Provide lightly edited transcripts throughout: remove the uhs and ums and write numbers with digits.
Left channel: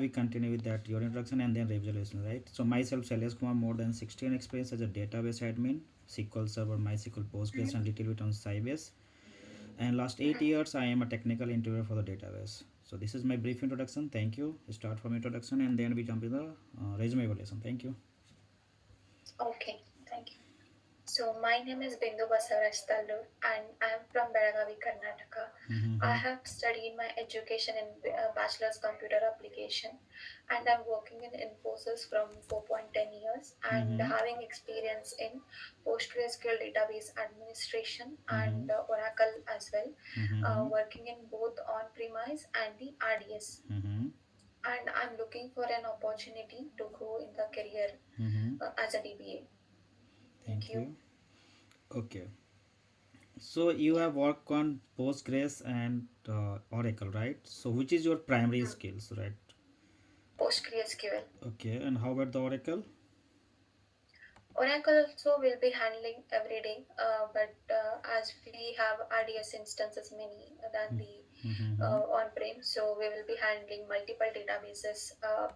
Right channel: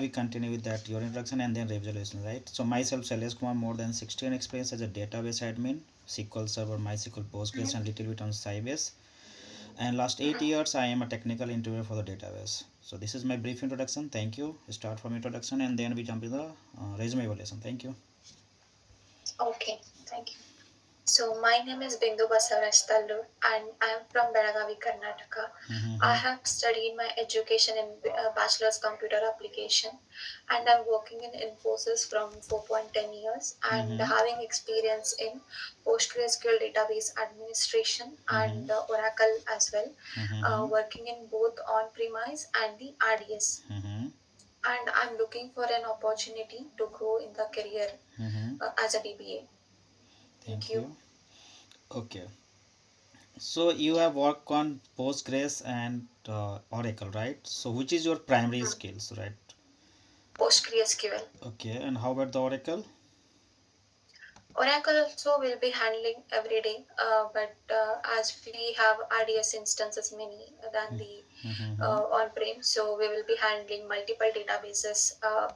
we continue with that your introduction and then resolution, right? So myself, Shailesh Kumar, more than 16 experience as a database admin, SQL Server, MySQL, Postgres, and little bit on Sybase. And last 8 years, I am a technical interviewer for the database. So this is my brief introduction. Thank you. Start from introduction and then we jump into the resume evaluation. Thank you. Okay, thank you. So my name is Bindu Basavaraj Talur and I am from Belagavi, Karnataka. I have studied my education in Bachelor's Computer Application and I'm working in Infosys from 4.10 years and having experience in PostgreSQL database administration and Oracle as well, working in both on-premise and the RDS. And I'm looking for an opportunity to grow in the career as a DBA. Thank Thank you. you. Okay. So you have worked on Postgres and Oracle, right? So which is your primary Mm. skills, right? PostgreSQL. Okay. And how about the Oracle? Oracle also will be handling every day, but as we have RDS instances many than the Mm-hmm. on-prem, so we will be handling multiple databases.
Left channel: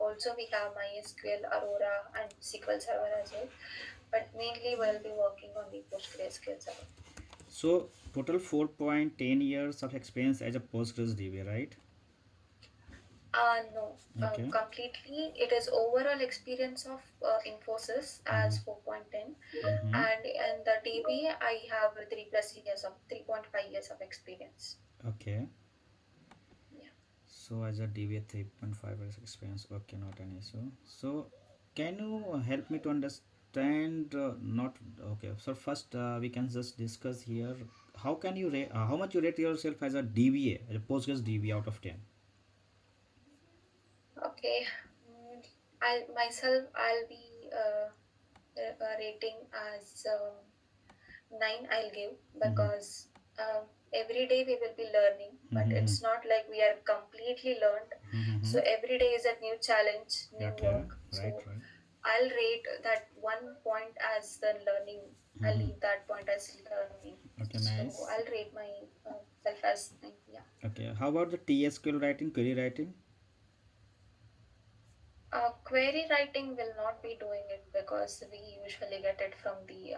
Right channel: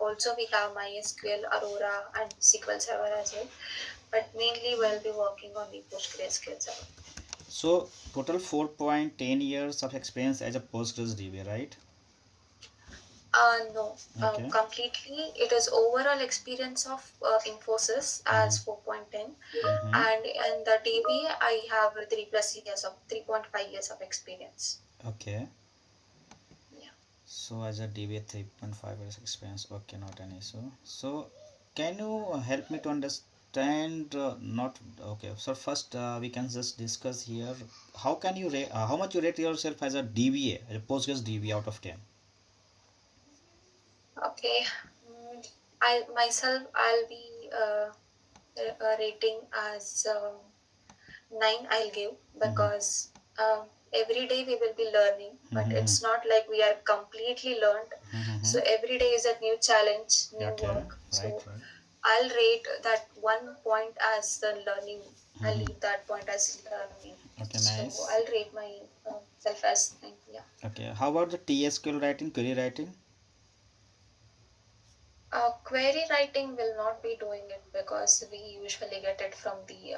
Also, we have MySQL, Aurora, and SQL Server as well. But mainly, we'll be working on the PostgreSQL Server. So total 4.10 years of experience as a Postgres DB, right? No, Okay. completely. It is overall experience of Infosys as 4.10, Mm-hmm. and in the DB, I have 3.5 years of experience. Okay. Yeah. So as a DBA 3.5 years experience, okay, not an issue. So can you help me to understand? Not okay. So first, we can just discuss here. How can you rate? How much you rate yourself as a DBA, as a Postgres DBA out of 10? Okay. I myself, I'll be rating as 9. I'll give because every day we will be learning, but Mm-hmm. it's not like we are completely learned. Mm-hmm. So every day is a new challenge, new Okay. work. Right. So Right. I'll rate that 1 point as the learning. I'll Mm-hmm. leave that point as learning. Okay. So Nice. I'll rate my self as 9. Yeah. Okay. How about the TSQL writing, query writing? Query writing will not be doing it because we usually get it from the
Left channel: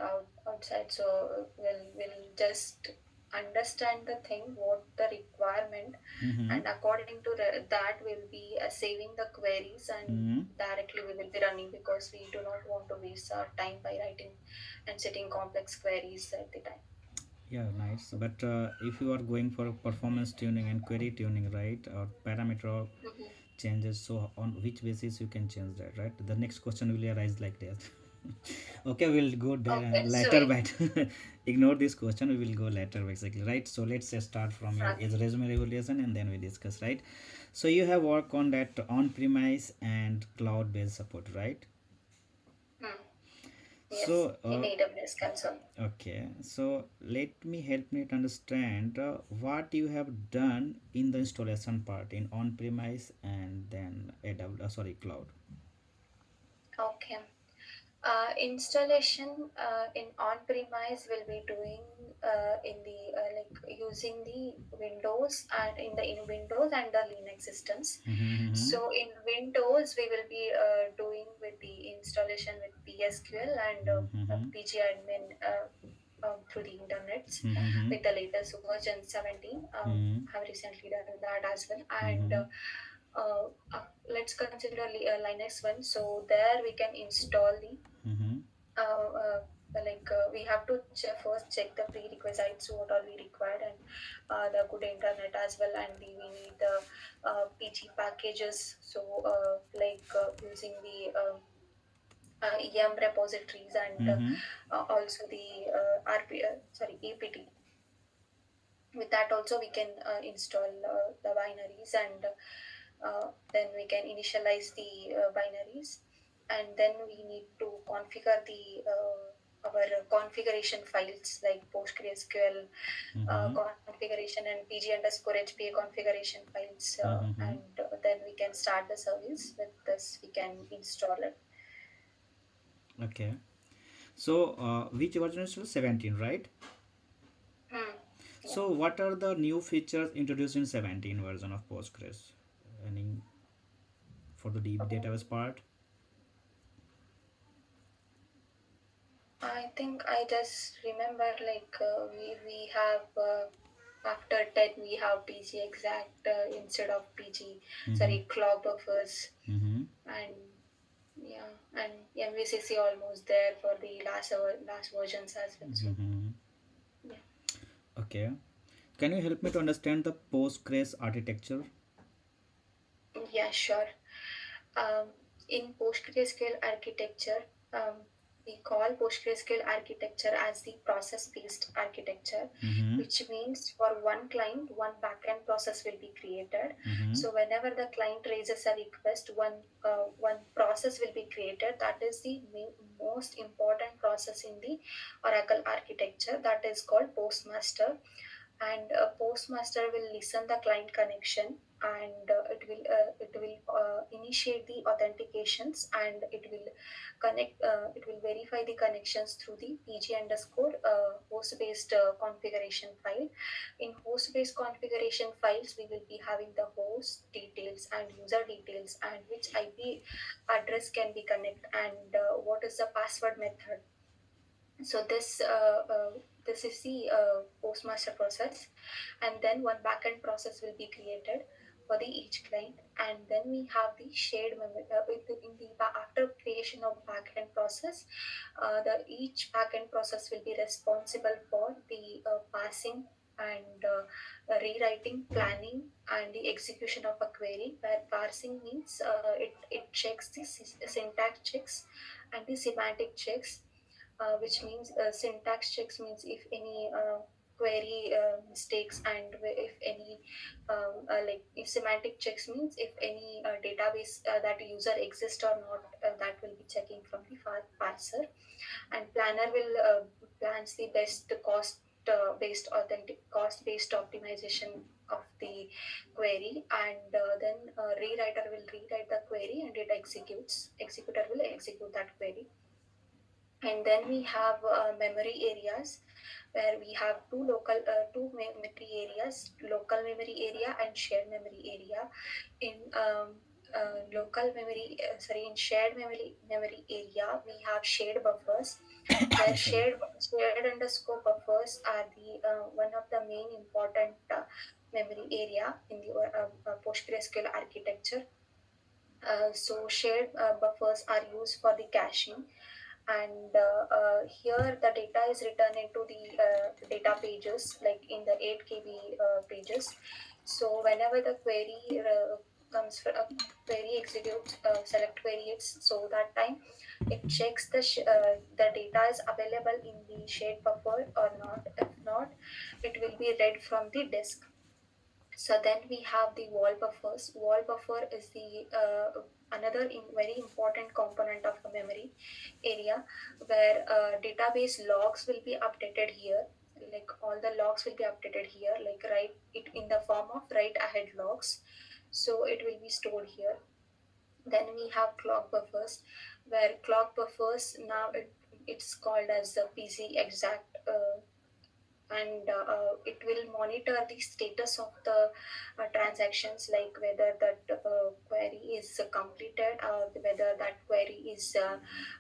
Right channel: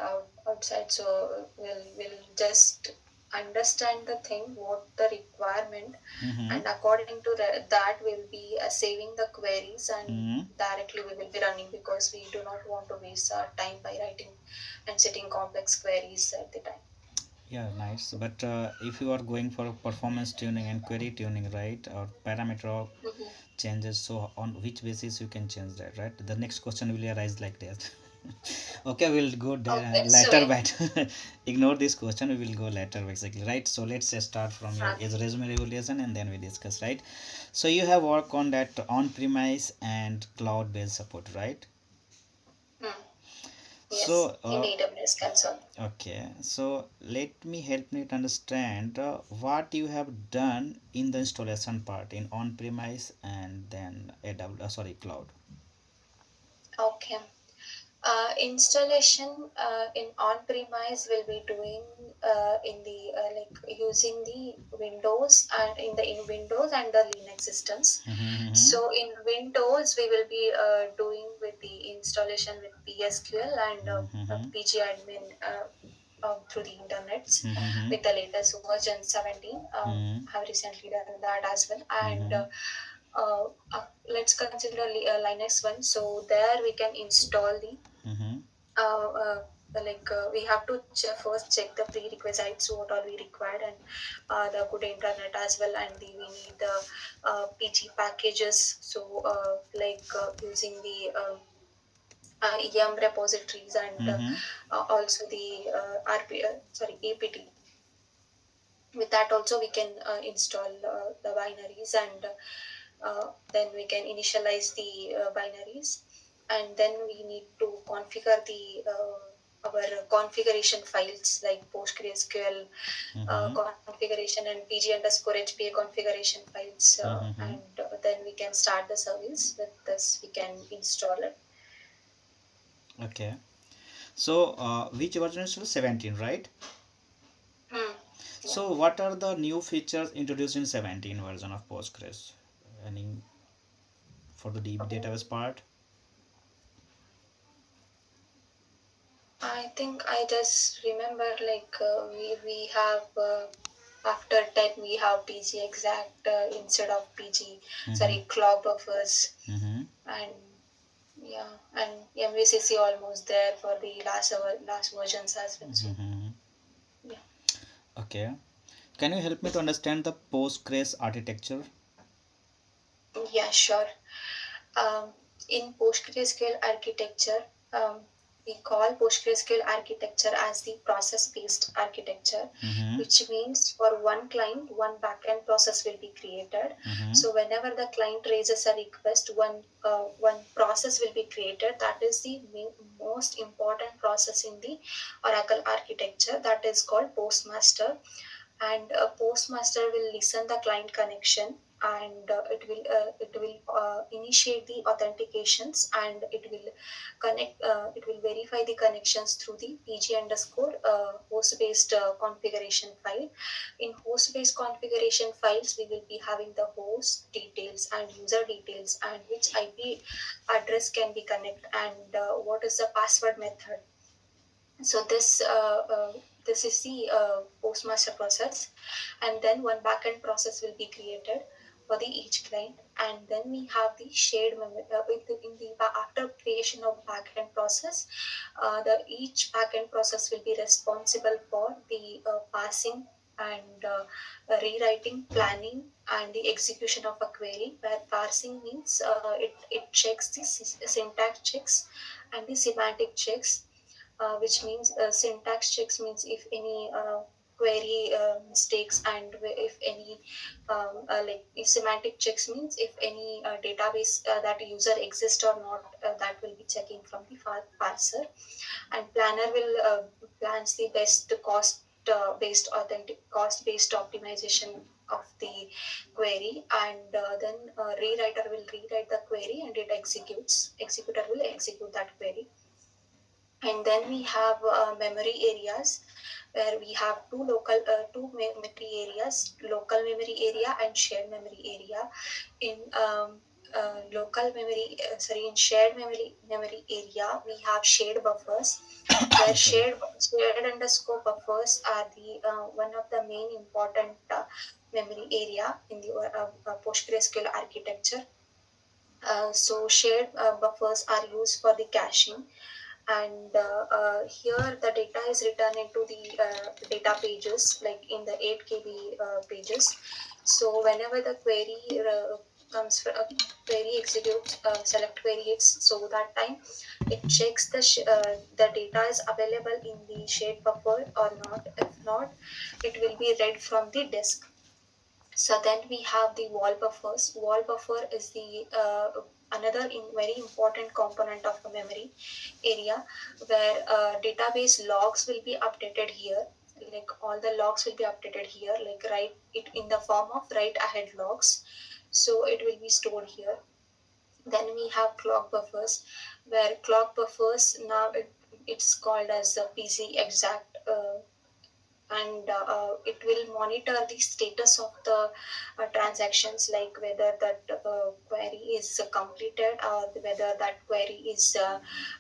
outside. So we'll just understand the thing, what the requirement, Mm-hmm. and according to that, we'll be saving the queries and Mm-hmm. directly we will be running because we do not want to waste our time by writing and setting complex queries at the time. Yeah, nice. But if you are going for performance tuning and query tuning, right, or parameter Mhm. changes, so on which basis you can change that, right? The next question will arise like that. Okay, we'll go there Okay, later, so but ignore this question. We will go later, basically, right? So let's start from your okay. resume regulation and then we discuss, right? So you have worked on that on-premise and cloud-based support, right? Hmm. Yes, So, in AWS console. okay, so let me help me to understand what you have done in the installation part in on-premise and then AWS, sorry, cloud. Okay. Installation in on-premise will be doing in the like using the Windows and in Windows and the Linux systems. Mm-hmm. So in Windows, we will be doing with the installation with PSQL and Mm-hmm. pgadmin through the internets Mm-hmm. with the latest version 17. Mm-hmm. Have recently done that as well, and Mm-hmm. uh, let's consider Linux one. So there we can install the Mm-hmm. uh, uh, we have to first check the prerequisites, what are we required, and the good internet as well, and we need the PG packages. So using the yum repositories and Mm-hmm. also the APT. With that also we can install the binaries, and then we can initialize the binaries, and then we need to configure the our configuration files like PostgreSQL Mm-hmm. configuration and pg underscore hpa configuration files, Mm-hmm. and then we can start the service. With this we can install it. Okay. So, which version is 17, right? Hmm. Yeah. So, what are the new features introduced in 17 version of Postgres? Any for the database part? I think I just remember like we have after 10 we have PG exact instead of PG, Mm-hmm. sorry, clock buffers, Mm-hmm. and yeah, and MVCC almost there for the last versions as well. So Mm-hmm. yeah, Okay. Can you help me to understand the Postgres architecture? yeah, sure. Um, in PostgreSQL architecture, we call PostgreSQL architecture as the process-based architecture, Mm-hmm. which means for one client, one backend process will be created. Mm-hmm. So whenever the client raises a request, one process will be created. That is the most important process in the Oracle architecture. That is called Postmaster, and a postmaster will listen the client connection, and it will initiate the authentications, and it will verify the connections through the pg underscore host based configuration file. In host based configuration files we will be having the host details and user details, and which ip address can be connect, and what is the password method. So this is the postmaster process, and then one backend process will be created for the each client, and then we have the shared memory after creation of backend process. The each backend process will be responsible for the passing and rewriting, planning, and the execution of a query. Where parsing means it checks the syntax checks and the semantic checks, which means syntax checks means if any query mistakes, and if any like if semantic checks means if any database that user exists or not, that will be checking from the parser. And planner will plans the best cost based authentic cost based optimization of the query, and then rewriter will rewrite the query, and it executes executor will execute that query. And then we have memory areas, where we have memory areas, local memory area and shared memory area. In local memory sorry in shared memory area we have shared buffers, where Sorry. shared underscore buffers are the one of the main important memory area in the PostgreSQL architecture. So shared buffers are used for the caching, and here the data is written into the data pages, like in the 8 KB pages. So whenever the query comes for a query executes, select query hits, so that time it checks the data is available in the shared buffer or not. If not, it will be read from the disk. So then we have the wall buffers. Wall buffer is the another very important component of the memory area, where database logs will be updated here. Like all the logs will be updated here, like write it in the form of write ahead logs. So it will be stored here. Then we have clock buffers, where clock buffers now it's called as the PC exact. And it will monitor the status of the transactions, like whether that query is completed, or whether that query is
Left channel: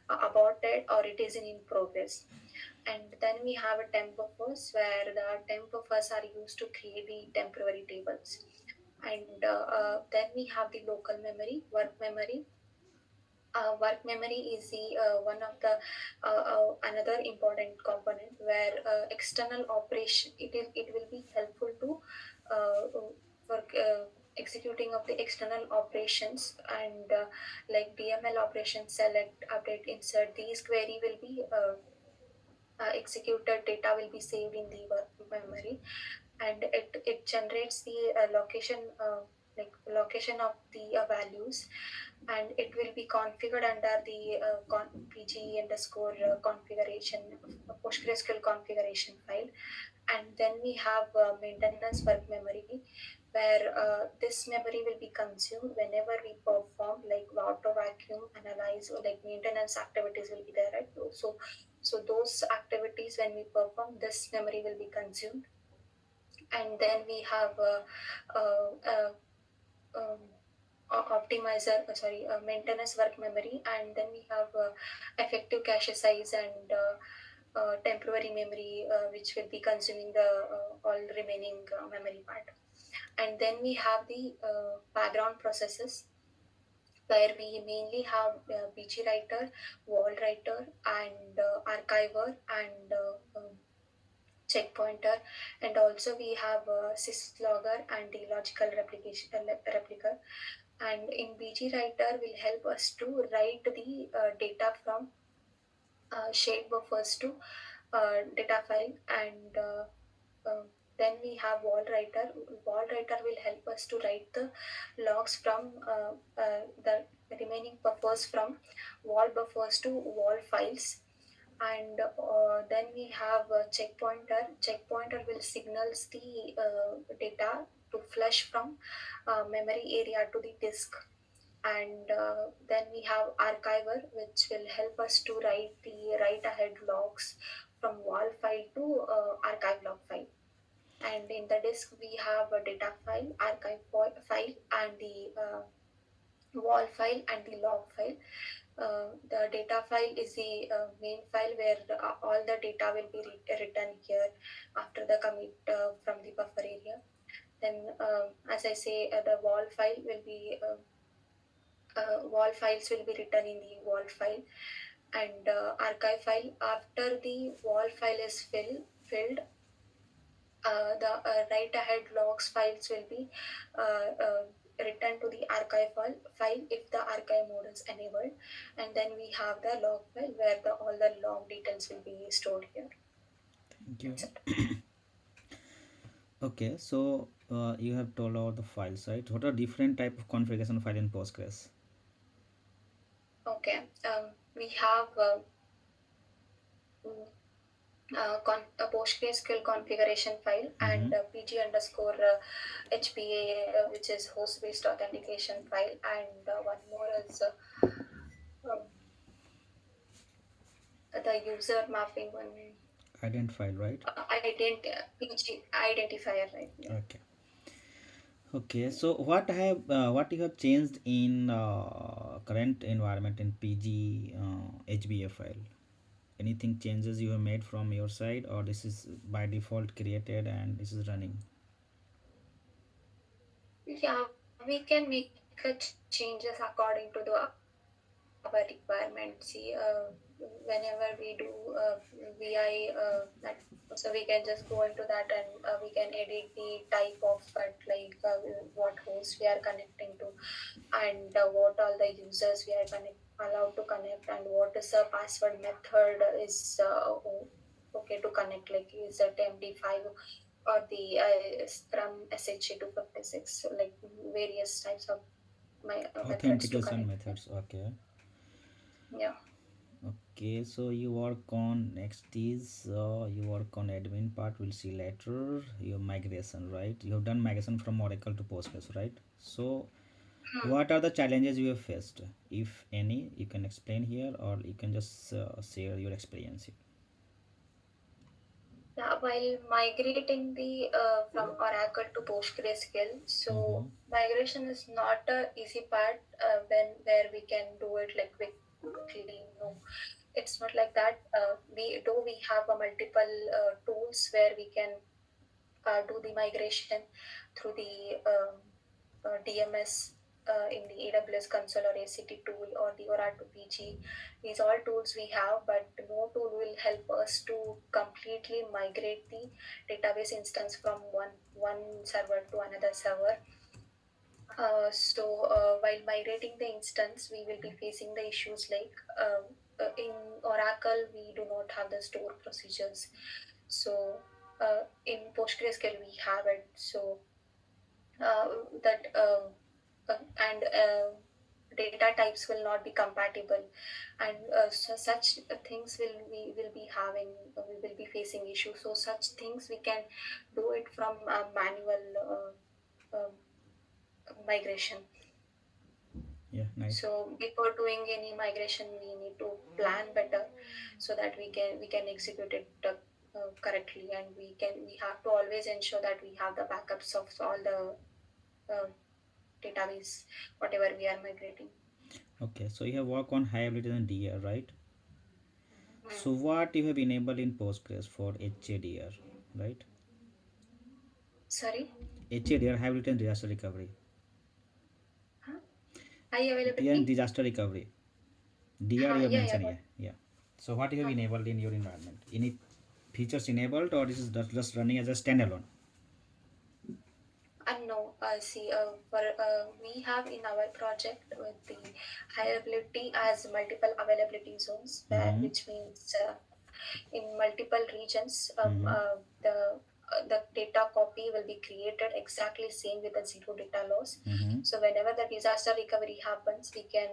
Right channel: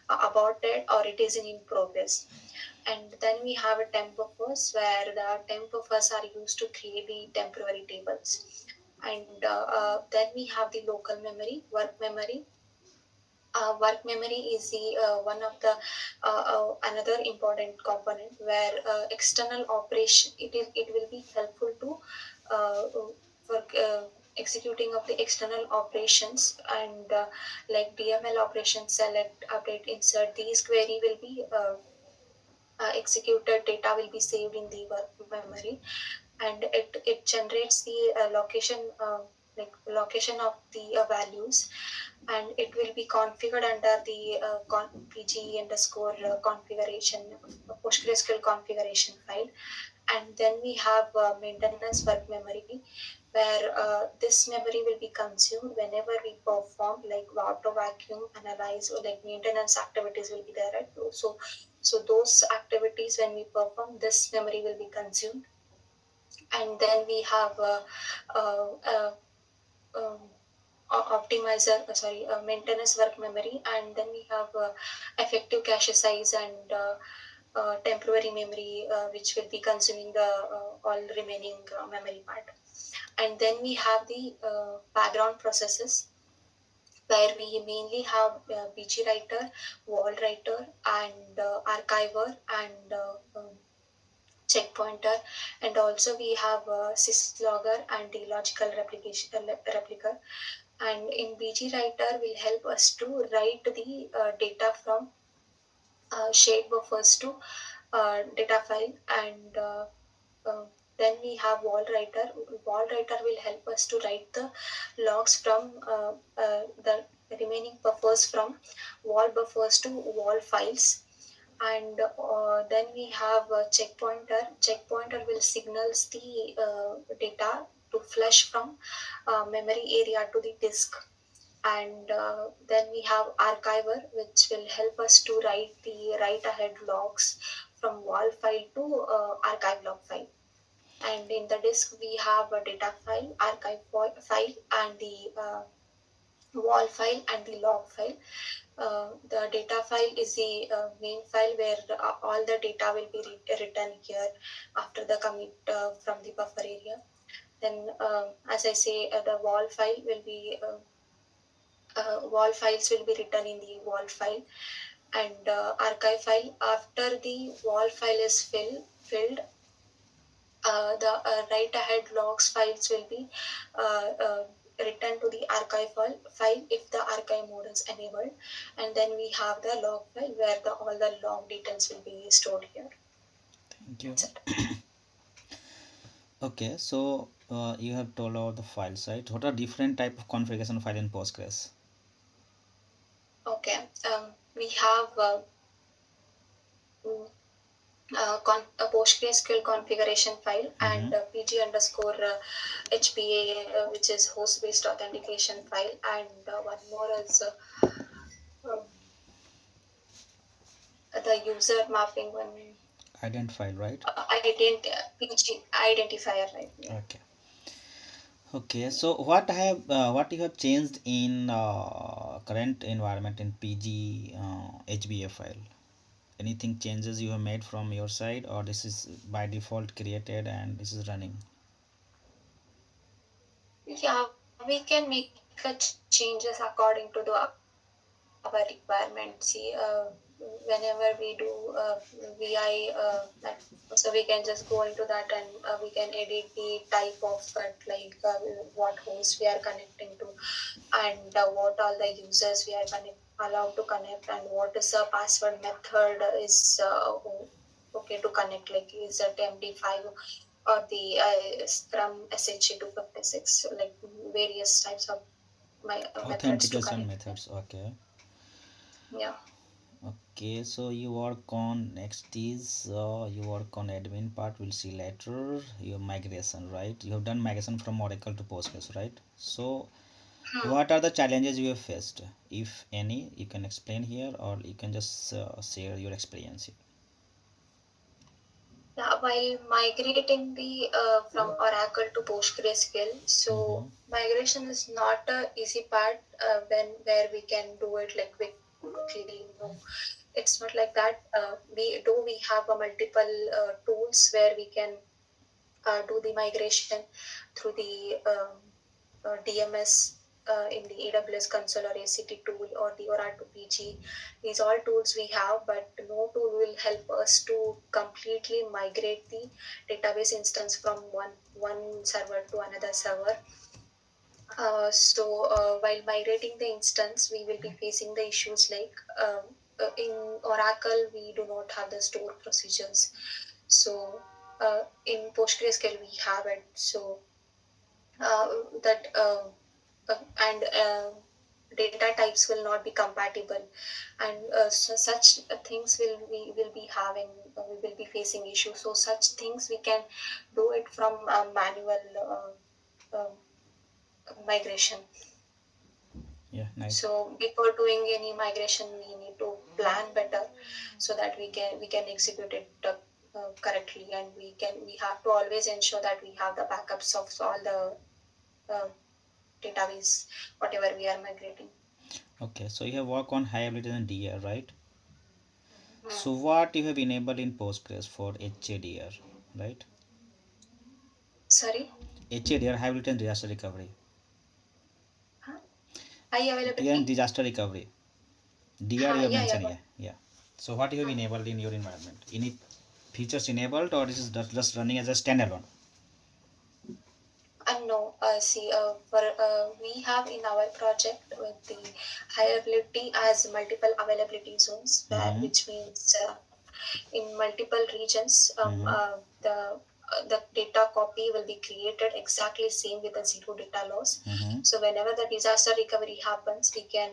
aborted, or it is in progress. And then we have a temp buffers, where the temp buffers are used to create the temporary tables. And then we have the local memory, work memory. Work memory is the one of the another important component, where external operation it will be helpful to uh, for executing of the external operations, and like DML operations, select, update, insert. These query will be executed. Data will be saved in the work memory, and it generates the location, location of the values, and it will be configured under the pg underscore configuration, PostgreSQL configuration file. And then we have maintenance work memory, where this memory will be consumed whenever we perform like auto vacuum, analyze, or like maintenance activities will be there, right? So those activities when we perform, this memory will be consumed. And then we have uh, uh, um, optimizer, maintenance work memory, and then we have effective cache size and temporary memory, which will be consuming the all remaining memory part. And then we have the background processes, where we mainly have BG writer, wall writer, and archiver, and checkpointer, and also we have syslogger and the logical replica. And in BG writer will help us to write the data from shared buffers to data file, and uh, then we have wall writer. Wall writer will help us to write the logs from the remaining buffers from wall buffers to wall files. And then we have a checkpointer. Checkpointer will signals the data to flush from memory area to the disk. And then we have archiver, which will help us to write the write ahead logs from wall file to archive log file. And in the disk we have a data file, archive file, and the wall file and the log file. The data file is the main file where all the data will be written here after the commit from the buffer area. Then, as I say, the wall file will be wall files will be written in the wall file, and archive file. After the wall file is filled, the write ahead logs files will be written to the archive file if the archive mode is enabled. And then we have the log file where all the log details will be stored here. Thank you. That's it. Okay, so you have told about the files, right? What are different type of configuration file in Postgres? Okay. We have mm, a PostgreSQL configuration file, Mm-hmm. and PG underscore HPA, which is host based authentication file, and one more is um, the user mapping one. Ident file, right? PG identifier, right? Yeah. Okay. Okay, so what you have changed in current environment in PG HBA file? Anything changes you have made from your side, or this is by default created and this is running? Yeah, we can make a changes according to our requirement. See, whenever we do VI, so we can just go into that, and we can edit the type of what host we are connecting to, and what all the users we are allowed to connect, and what is the password method is okay to connect, like is it MD5 or the Scrum SHA 256, like various types of methods to Authentication connect. methods. Okay. Yeah. Okay, so you work on next is you work on admin part, we'll see later. Your migration, right? You have done migration from Oracle to Postgres, right? So Hmm. what are the challenges you have faced, if any? You can explain here, or you can just share your experience here. Yeah, while migrating the from Oracle to PostgreSQL, Mm-hmm. so migration is not a easy part when where we can do it like quickly. No, it's not like that. We have a multiple tools where we can do the migration through the DMS in the AWS console or ACT tool or the Oracle PG. These all tools we have, but no tool will help us to completely migrate the database instance from one server to another server. While migrating the instance, we will be facing the issues like in Oracle, we do not have the store procedures. So in PostgreSQL, we have it. So uh, that and data types will not be compatible, and such things will be having we will be facing issues. So such things we can do it from manual migration. Yeah, nice. So before doing any migration, we need to plan better so that we can execute it correctly, and we have to always ensure that we have the backups of all the uh, database, whatever we are migrating. Okay, so you have worked on high availability and DR, right? So Hmm. what you have enabled in Postgres for HADR, right? Sorry? HADR, high availability and disaster recovery. Huh? High Yeah, and availability? disaster recovery. DR you have Yeah, yeah, mentioned, got. yeah, yeah. So what you have Hmm. enabled in your environment? Any features enabled, or this is just running as a standalone? No, see, we have in our project with the high availability as multiple availability zones, where Mm-hmm. which means in multiple regions, Mm-hmm. the data copy will be created exactly same with the zero data loss. Mm-hmm. So whenever the disaster recovery happens, we can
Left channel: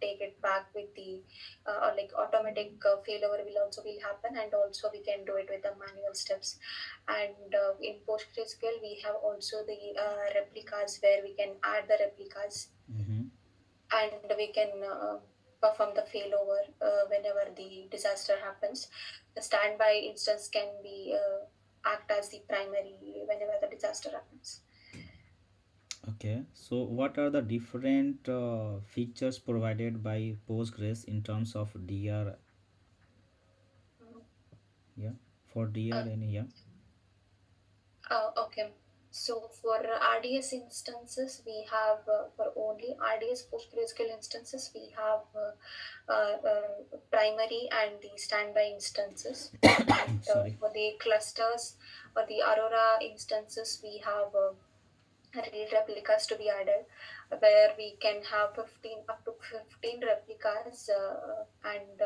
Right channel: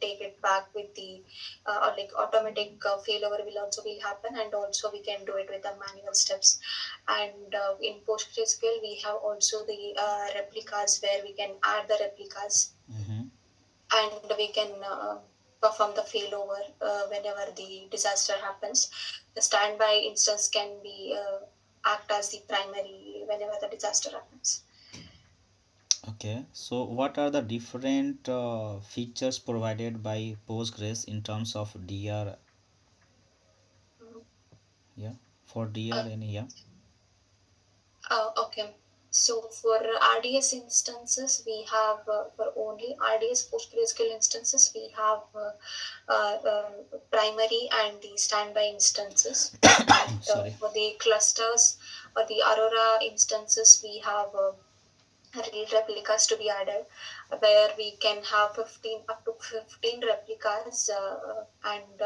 take it back with the or like automatic failover will also will happen, and also we can do it with the manual steps. And in PostgreSQL, we have also the replicas where we can add the replicas, Mm-hmm. and we can perform the failover whenever the disaster happens. The standby instance can be act as the primary whenever the disaster happens. Okay, so what are the different features provided by Postgres in terms of DR? Mhm. Yeah, for DR Uh, and yeah. okay. So for RDS instances, we have for only RDS PostgreSQL instances, we have primary and the standby instances. And Sorry. for the clusters or the Aurora instances, we have replicas to be added, where we can have 15 up to 15 replicas, and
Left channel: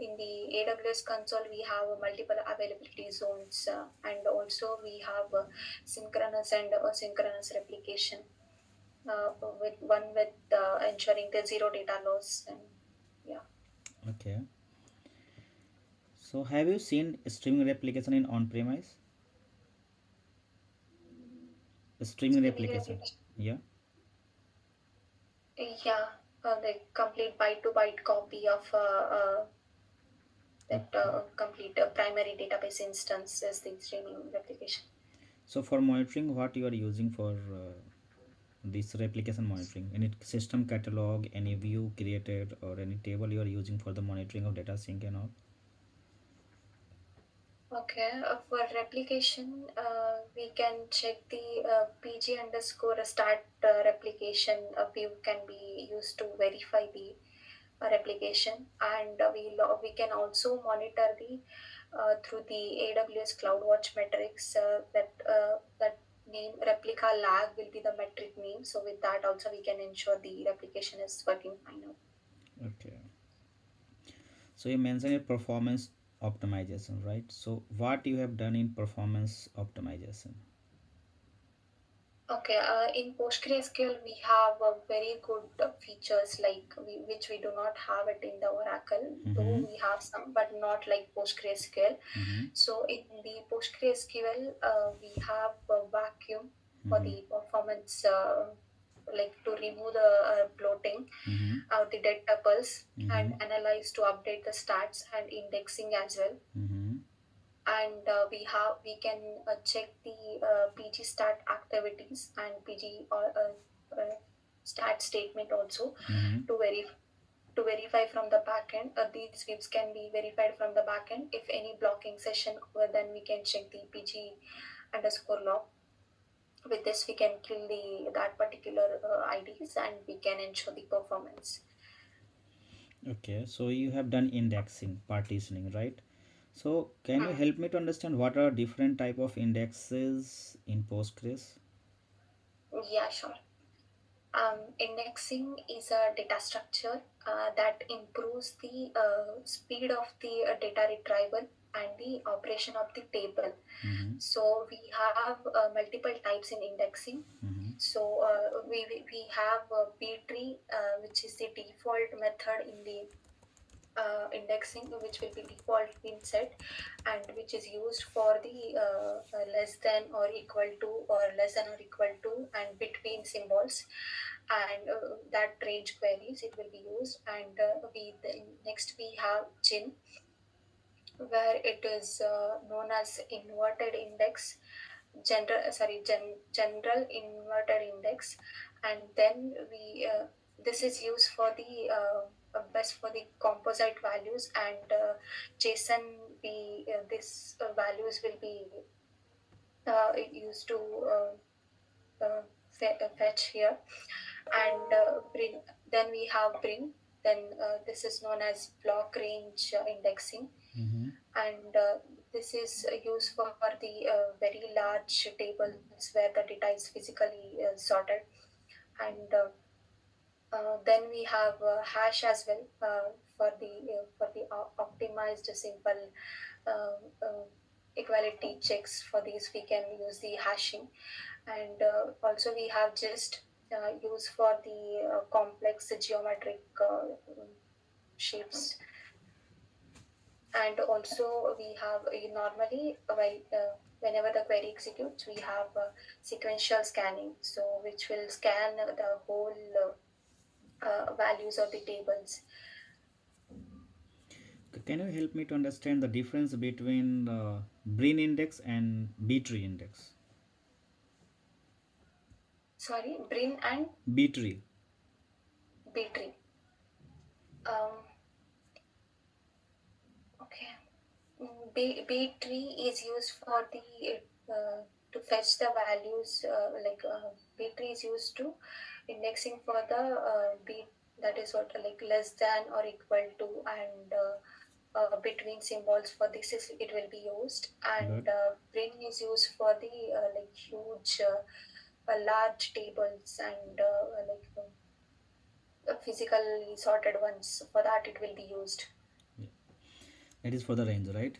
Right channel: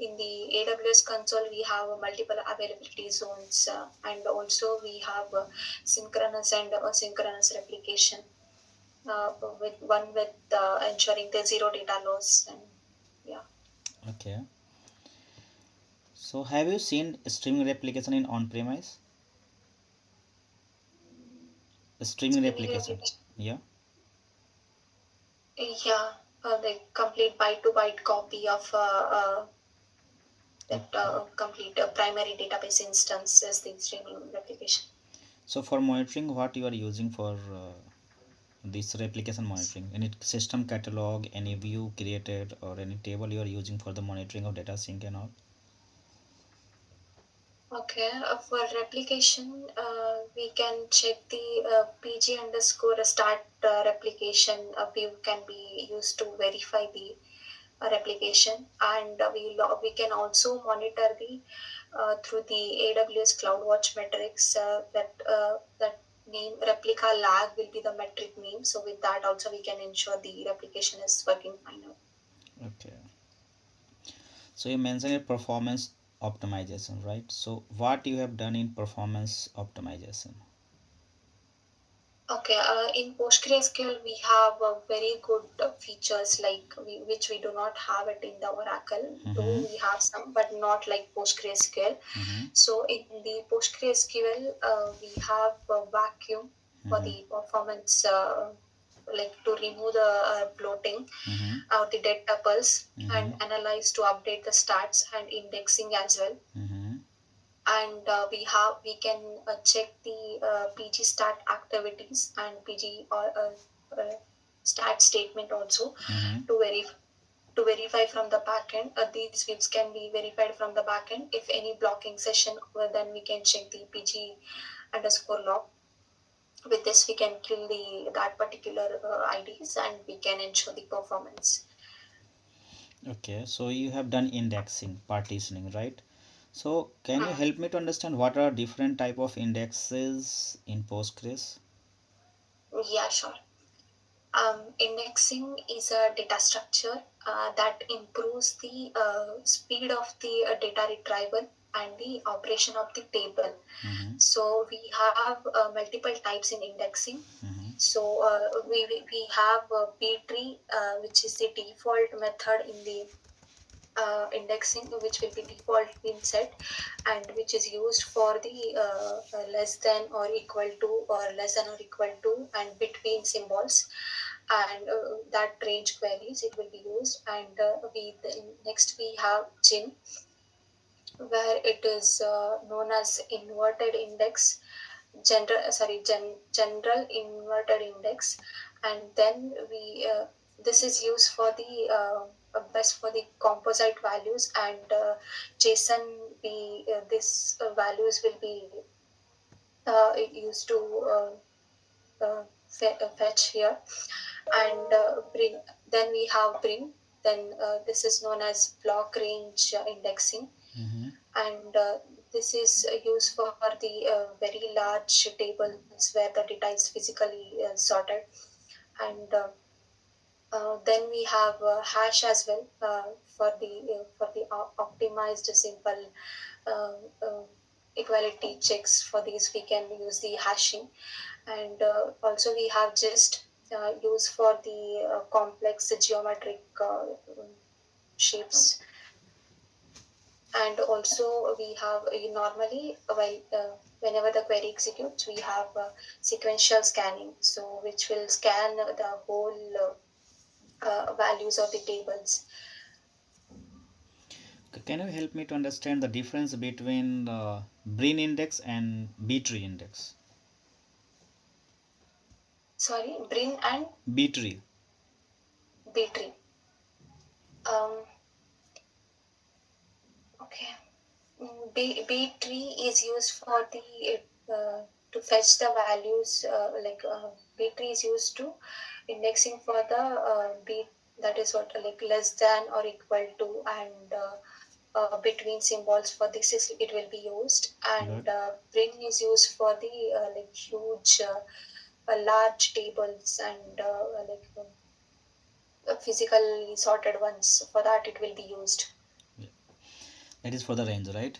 in the AWS console we have multiple availability zones, and also we have synchronous and asynchronous replication, with one with ensuring the zero data loss. And yeah. Okay. So have you seen streaming replication in on-premise? Streaming Streaming replication. replication, Yeah. yeah, the complete byte to byte copy of that Okay. complete primary database instance is the streaming replication. So for monitoring, what you are using for this replication monitoring? Any system catalog, any view created, or any table you are using for the monitoring of data sync and all? Okay, for replication, we can check the PG underscore start replication view can be used to verify the replication, and we can also monitor the through the AWS CloudWatch metrics, that name replica lag will be the metric name. So with that also we can ensure the replication is working fine. Okay. So you mentioned a performance optimization, right? So what you have done in performance optimization? Okay, in PostgreSQL, we have very good features like which we do not have it in the Oracle. Though Mm-hmm. we have some, but not like PostgreSQL. Mm-hmm. So in the PostgreSQL, we have a vacuum for Mm-hmm. the performance, like to remove the bloating Mm-hmm. or the dead tuples, Mm-hmm. and analyze to update the stats and indexing as well. Mm-hmm. And we can check the PG stat activities and PG or stat statement also Mm-hmm. to verify from the backend. These sweeps can be verified from the backend. If any blocking session, then we can check the PG underscore log. With this, we can kill the that particular IDs, and we can ensure the performance. Okay, so you have done indexing, partitioning, right? So can you Hmm. help me to understand what are different type of indexes in Postgres? Yeah, sure. Indexing is a data structure that improves the speed of the data retrieval and the operation of the table. Mm-hmm. So we have multiple types in indexing. Mm-hmm. So we have B-tree, which is the default method in the indexing, which will be default been set, and which is used for the less than or equal to, or less than or equal to, and between symbols, and that range queries it will be used. And we then next we have gin, where it is known as inverted index, general inverted index. and then we this is used for the best for the composite values, and JSON be this values will be used to fetch here, and bring. Then we have bring. Then this is known as block range indexing, Mm-hmm. and this is used for the very large tables where the data is physically sorted, and then we have hash as well for the optimized simple um, um, equality checks. For these we can use the hashing, and also we have just used for the complex geometric shapes, and also we have normally while whenever the query executes we have sequential scanning, so which will scan the whole values of the tables. Can you help me to understand the difference between the Brin index and B-tree index? Sorry, brin and B-tree. b-tree. Okay. B tree is used for the to fetch the values, B tree is used to indexing for the B, that is what like less than or equal to, and between symbols. For this is it will be used, Good. and bring is used for the like huge large tables, and physically sorted ones. For that it will be used. Yeah. That is for the range, right?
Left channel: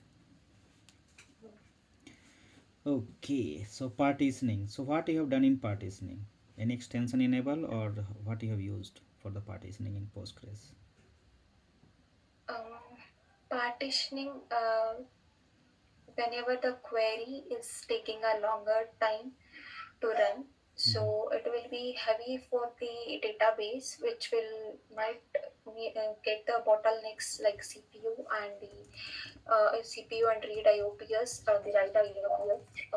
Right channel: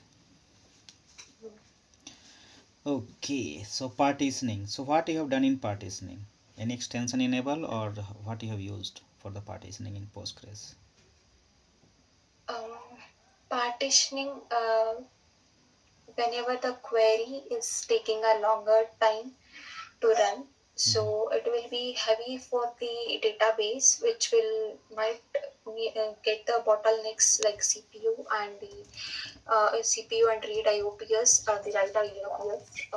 Okay. So partitioning. So what you have done in partitioning? Any extension enable or what you have used for the partitioning in Postgres? Um, Partitioning, whenever the query is taking a longer time to run, Mm-hmm. so it will be heavy for the database, which will might get the bottlenecks like CPU and the CPU and read IOPS, the write IOPS,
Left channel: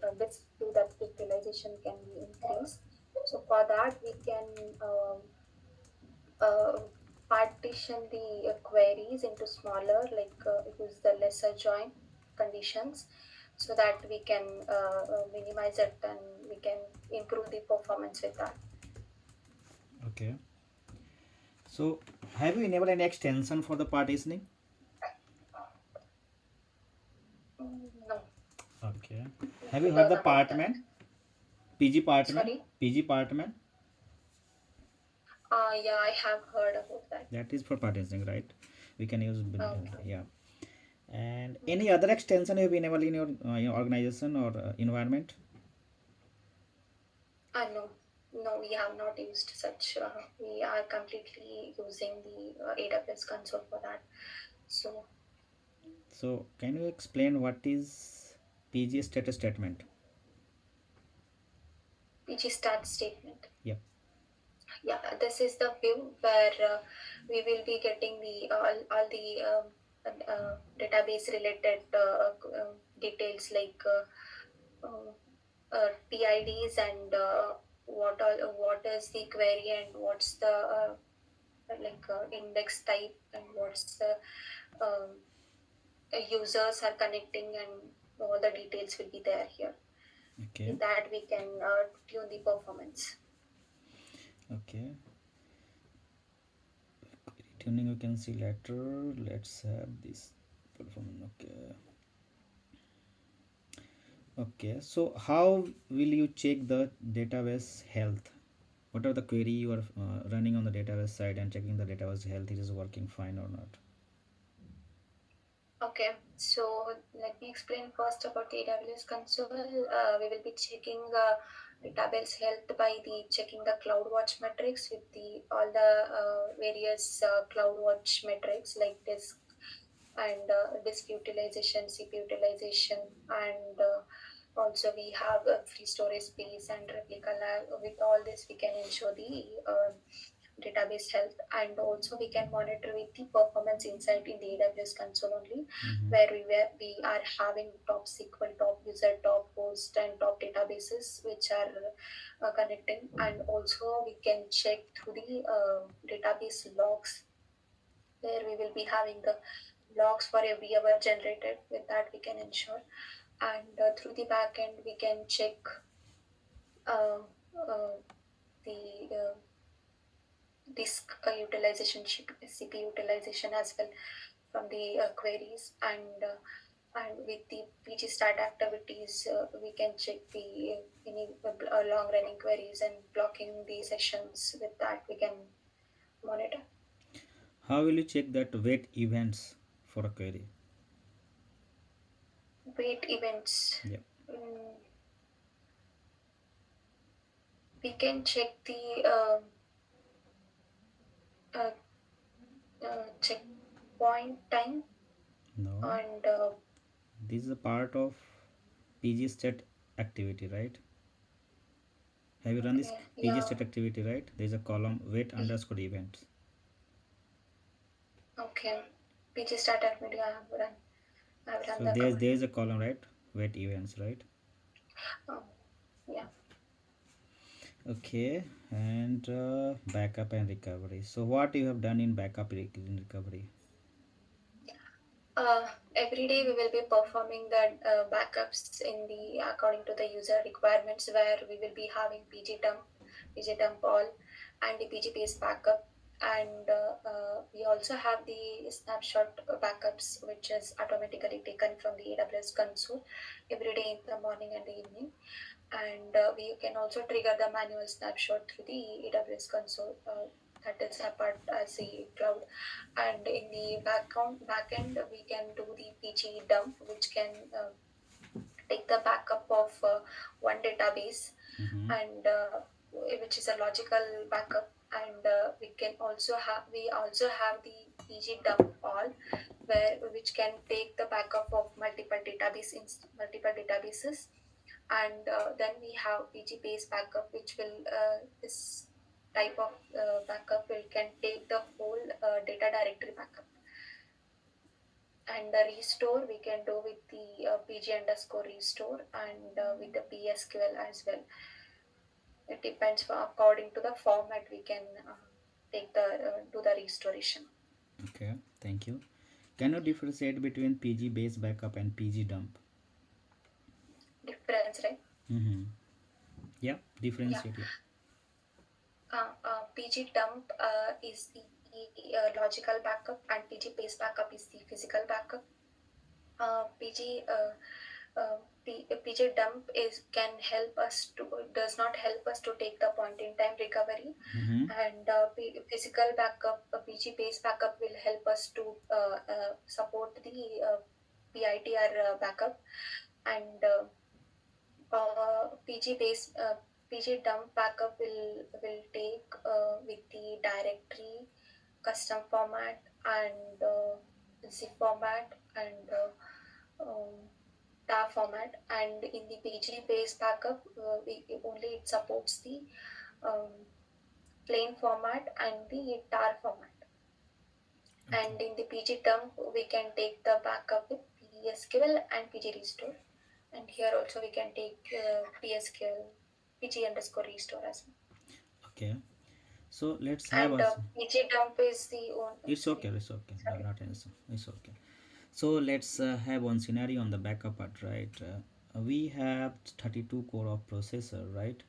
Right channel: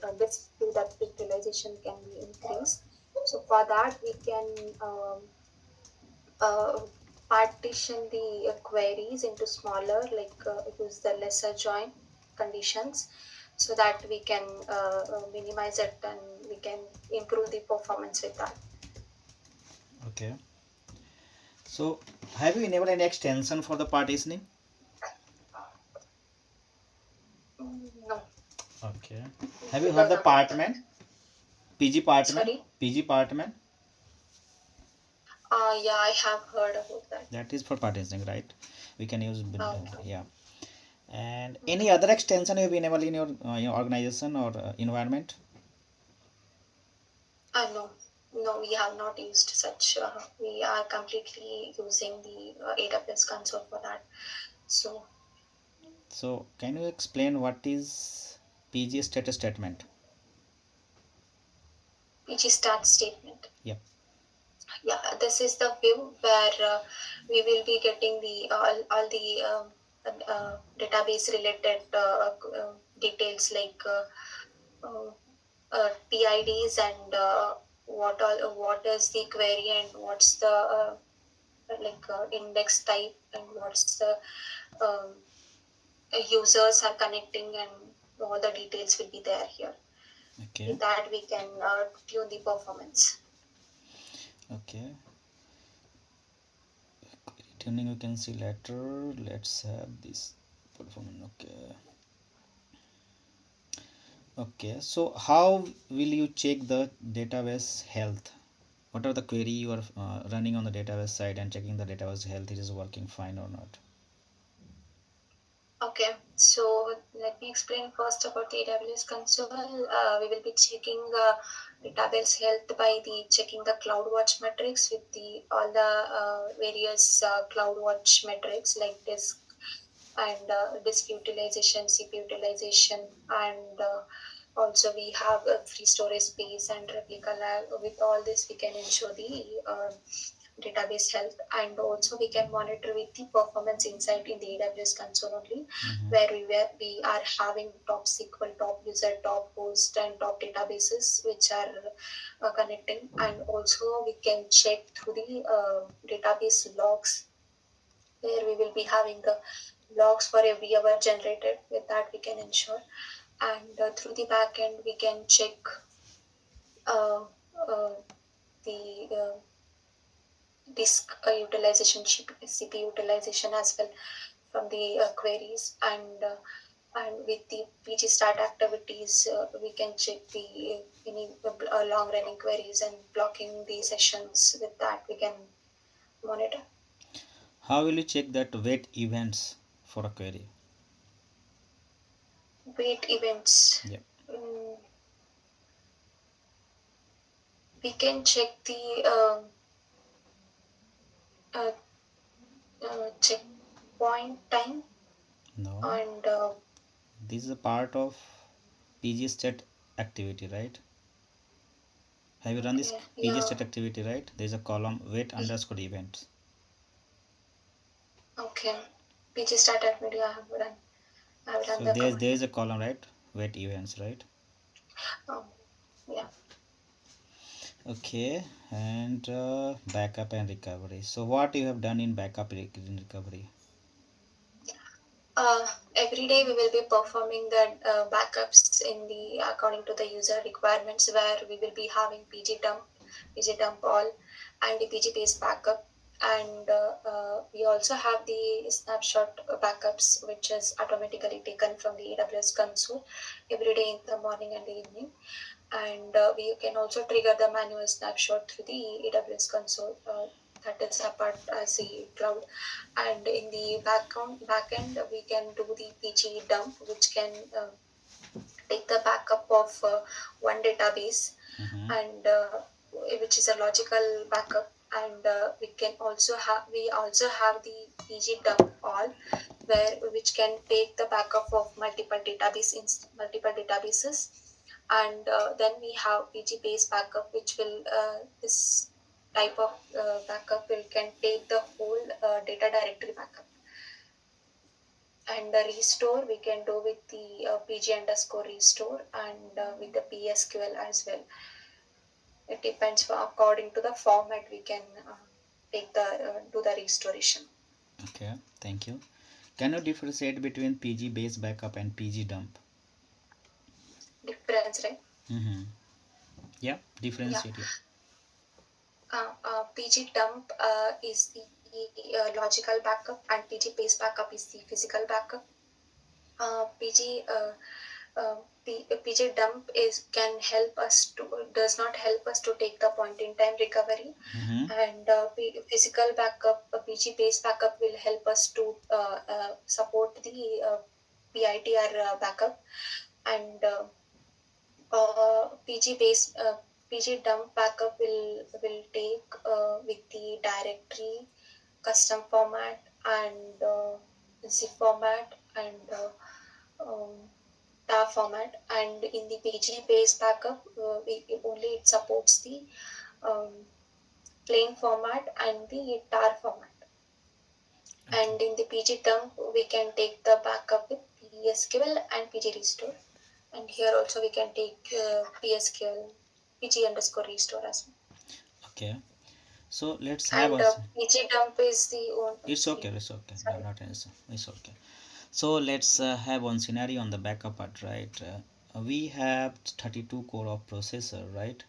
the disk to that utilization can be increased. So for that we can uh, partition the queries into smaller, like use the lesser join conditions, so that we can minimize it and we can improve the performance with that. Okay. So have you enabled any extension for the partitioning? No, Okay. Have you heard because the about that. partment? PG partment? Sorry. PG partment? Yeah, I have heard about that. That is for partitioning, right? We can use, Okay. yeah. And any other extension you have enabled in your organization or environment? No, no, we have not used such. We are completely using the AWS console for that. So, So can you explain what is PG status statement? PG start statement. Yep. Yeah, this is the view where we will be getting the all the database related details, like PIDs, and what is the query, and what's the index type, and what's the um, users are connecting, and all the details will be there here. Okay. With that we can tune the performance. Okay. Tuning you can see later. Let's have this performance. Okay. Okay. So how will you check the database health? What are the query you are running on the database side and checking the database health, it is working fine or not? Okay, so let me explain first about the AWS console. We will be checking database health by the checking the CloudWatch metrics with the all the various CloudWatch metrics, like disk and disk utilization, CPU utilization, and also we have free storage space and replica lag. With all this, we can ensure the database health, and also we can monitor with the performance insight in the AWS console only, Mm-hmm. where we are having top SQL, top user, top host, and top databases which are connecting, and also we can check through the database logs, where we will be having the logs for every hour generated. With that, we can ensure, and through the backend, we can check uh, uh, the disk utilization, CPU utilization as well from the queries, and with the PG start activities, we can check the any long running queries and blocking the sessions. With that, we can monitor. How will you check that wait events for a query? Wait events. Yeah. Mm, we can check the uh, checkpoint time, No. and This is a part of PG state activity, right? Have you run this okay, PG yeah, state activity, right? There is a column wait underscore events. okay. PG start activity. I have run So the command. there is a column, right? Wait events, right? Um, yeah. Okay, and backup and recovery. So what you have done in in recovery? Every day we will be performing the backups in the according to the user requirements, where we will be having PG dump all, and the PG based backup, and we also have the snapshot backups, which is automatically taken from the AWS console every day in the morning and the evening, and we can also trigger the manual snapshot through the AWS console. That is apart as the cloud, and in the backend we can do the PG dump, which can take the backup of one database, Mm-hmm. and which is a logical backup, and we also have the PG dump all, where which can take the backup of multiple databases, and then we have PG based backup, which will this type of backup will can take the whole data directory backup, and the restore we can do with the PG underscore restore, and with the PSQL as well. It depends according to the format we can take the do the restoration. Okay, thank you. Can you differentiate between PG base backup and PG dump? Difference, right? Mm-hmm. Yeah, Yeah. differentiate. Yeah. PG dump is the logical backup, and PG base backup is the physical backup. PG PG dump is can help us to does not help us to take the point in time recovery, Mm-hmm. and physical backup, PG based backup will help us to support the PITR backup, and PG dump backup will take with the directory, custom format, and zip format, and tar format, and in the PG based backup, only it supports the um, plain format and the tar format. Okay. And in the PG dump, we can take the backup with PSQL and PG restore. And here also we can take PSQL, PG underscore restore as well. Okay. So let's have And a. PG dump is the own. It's okay. Sorry, It's okay. No, sorry. not an issue. It's okay. So let's have one scenario on the backup part, right? We have 32 core of processor, right?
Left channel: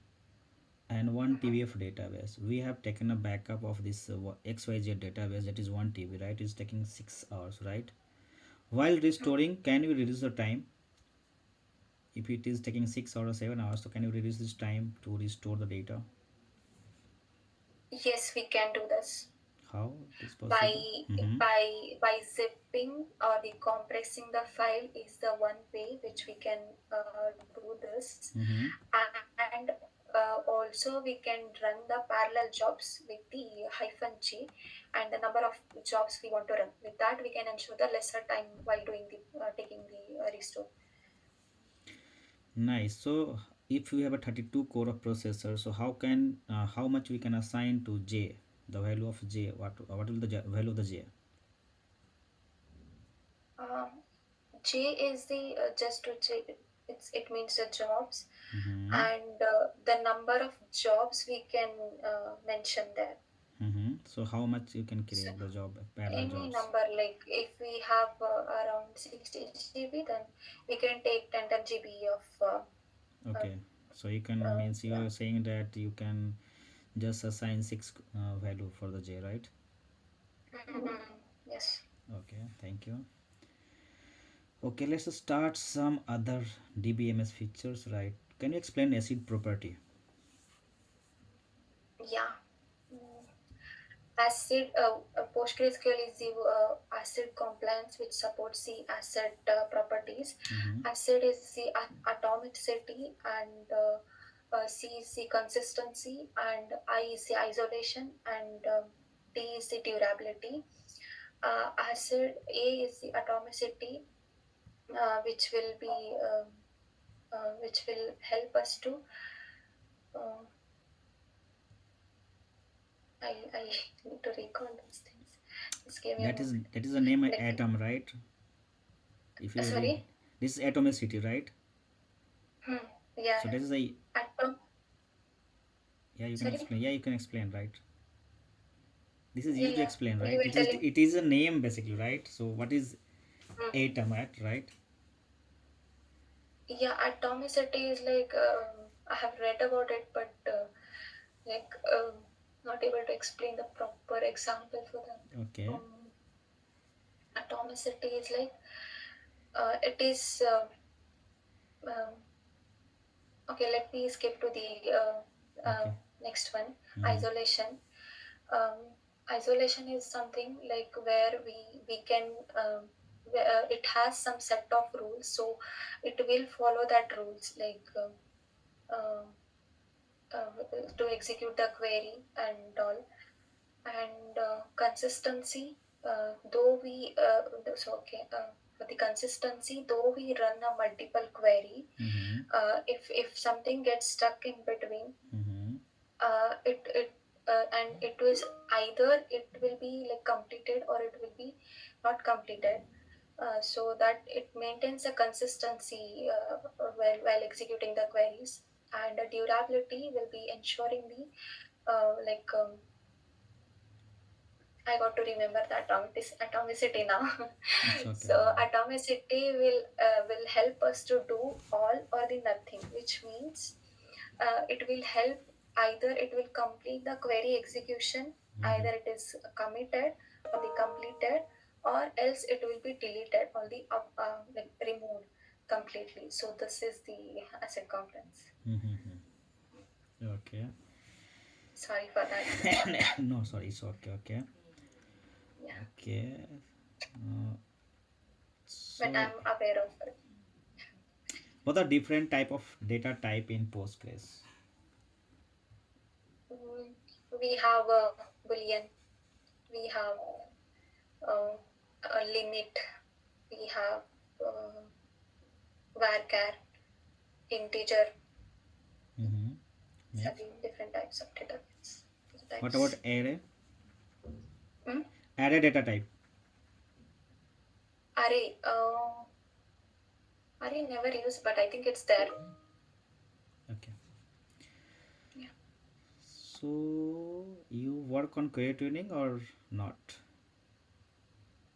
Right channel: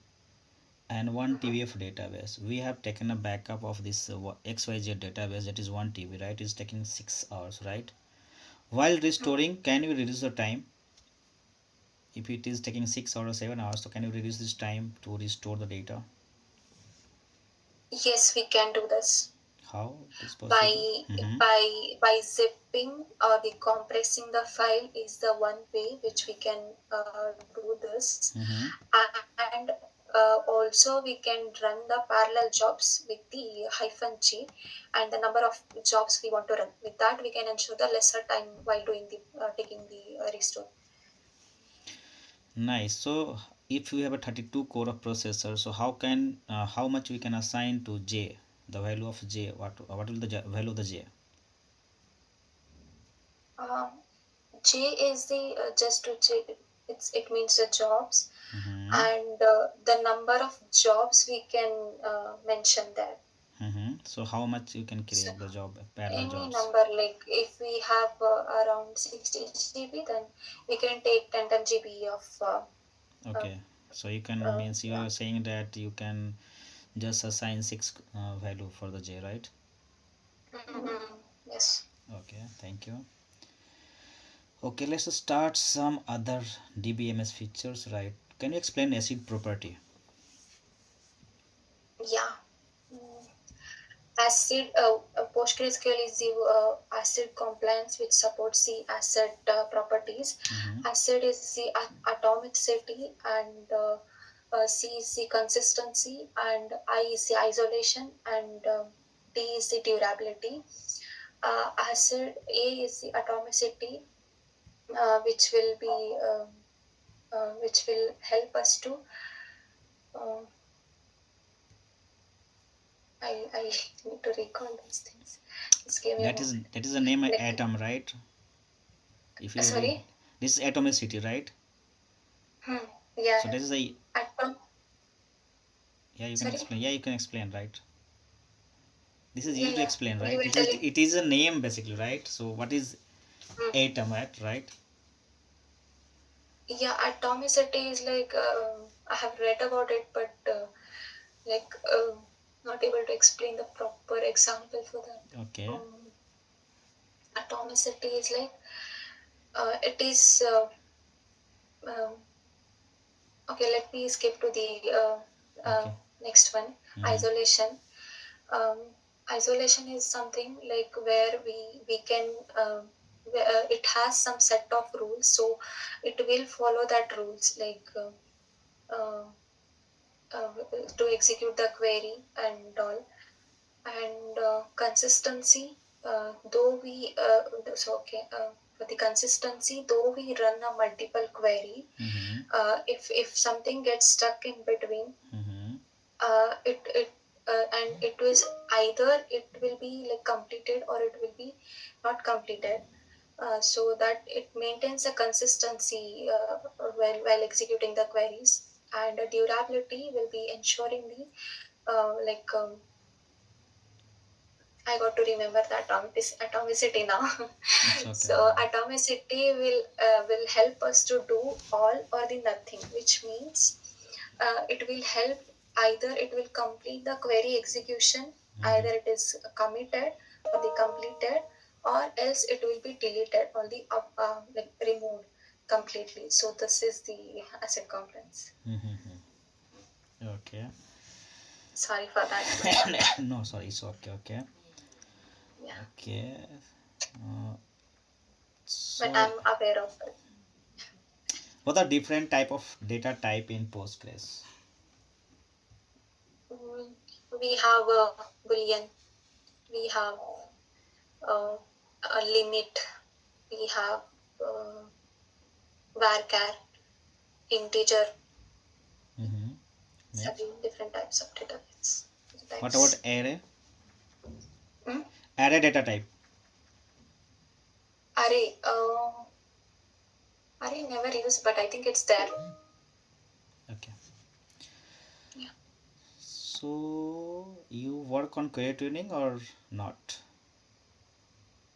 And 1 Mhm. TB of database. We have taken a backup of this XYZ database, that is 1 TB, right? It's taking 6 hours, right? While restoring, can you reduce the time? If it is taking 6 hours or 7 hours, so can you reduce this time to restore the data? Yes, we can do this How it is by possible? Mm-hmm. zipping or the compressing the file is the one way which we can do this, Mm-hmm. and also we can run the parallel jobs with the hyphen g, and the number of jobs we want to run. With that, we can ensure the lesser time while doing the taking the restore. Nice. So if we have a 32 core of processor, so how much we can assign to J? The value of j. What will the value of the j? Um, J is the just to check. It means the jobs, Mm-hmm. and the number of jobs we can mention there. Mm-hmm. So how much you can So create the job, parallel any jobs? number, like if we have around 60 GB, then we can take 10 GB of uh, Okay. So you can means you yeah. are saying that you can just assign six value for the j, right? Yes. Okay. Thank you. Okay, let's start some other DBMS features, right? Can you explain acid property? Yeah. Mm. ACID, PostgreSQL is the ACID compliance which supports the ACID properties. Mm-hmm. ACID is the atomicity, and C is the consistency, and I is the isolation, and D is the durability. ACID A is the atomicity, which will be which will help us to. Uh, I need to recall those things. Just give me a moment. That is the name Let me. atom, right? If you read Sorry. this is atomicity, right? Hmm. Yeah. So that is a, Atom. yeah, you can Sorry. explain. Yeah, you can explain, right? This is Yeah, easy to yeah. explain, You right? will It tell is it. it is a name basically, right? So what is Hmm. atom at, right? Yeah, atomicity is like I have read about it, but like not able to explain the proper example for that. Okay. Atomicity is like it is. Um, okay, let me skip to the Okay. next one. Mm-hmm. Isolation. um, Isolation is something like where we can it has some set of rules, so it will follow that rules, like uh, to execute the query and all. And consistency, though we so okay for the consistency, though we run a multiple query, Mm-hmm. if something gets stuck in between, Mm-hmm. it and it was either it will be like completed or it will be not completed, so that it maintains a consistency while executing the queries. And the durability will be ensuring the like I got to remember the atomicity now. It's okay. So atomicity will help us to do all or the nothing, which means it will help, either it will complete the query execution, Mm-hmm. either it is committed or the completed, or else it will be deleted or the like removed completely. So this is the asset compliance. Mm-hmm. Okay. Sorry for that. No, sorry, it's okay. Okay. Yeah, Okay. Uh, but so I'm aware of it. what are different type of data type in Postgres? Mm, we have a boolean, we have uh, a limit, we have uh, varchar, integer, Mm-hmm. Next. 7 different types of What about types. array? Hmm? Array data type. Array, array never used, but I think it's there. Okay. Yeah. So you work on query tuning or not?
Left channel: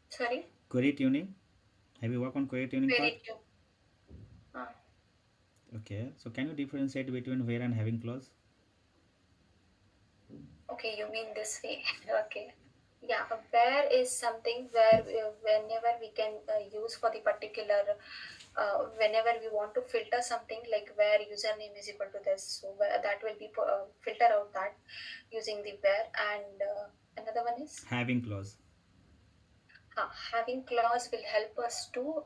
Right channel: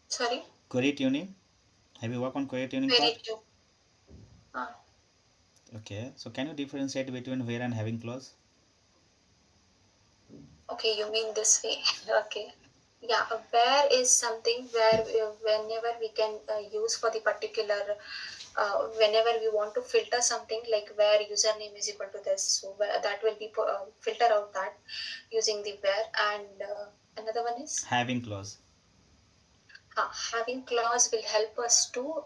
Sorry, Query tuning. Have you worked on query tuning very part? true. Uh, Okay. So can you differentiate between where and having clause? okay, you mean this way. Okay. Yeah, where is something where whenever we can use for the particular whenever we want to filter something, like where username is equal to this, so that will be filter out that using the where. And another one is Having clause. having clause will help us to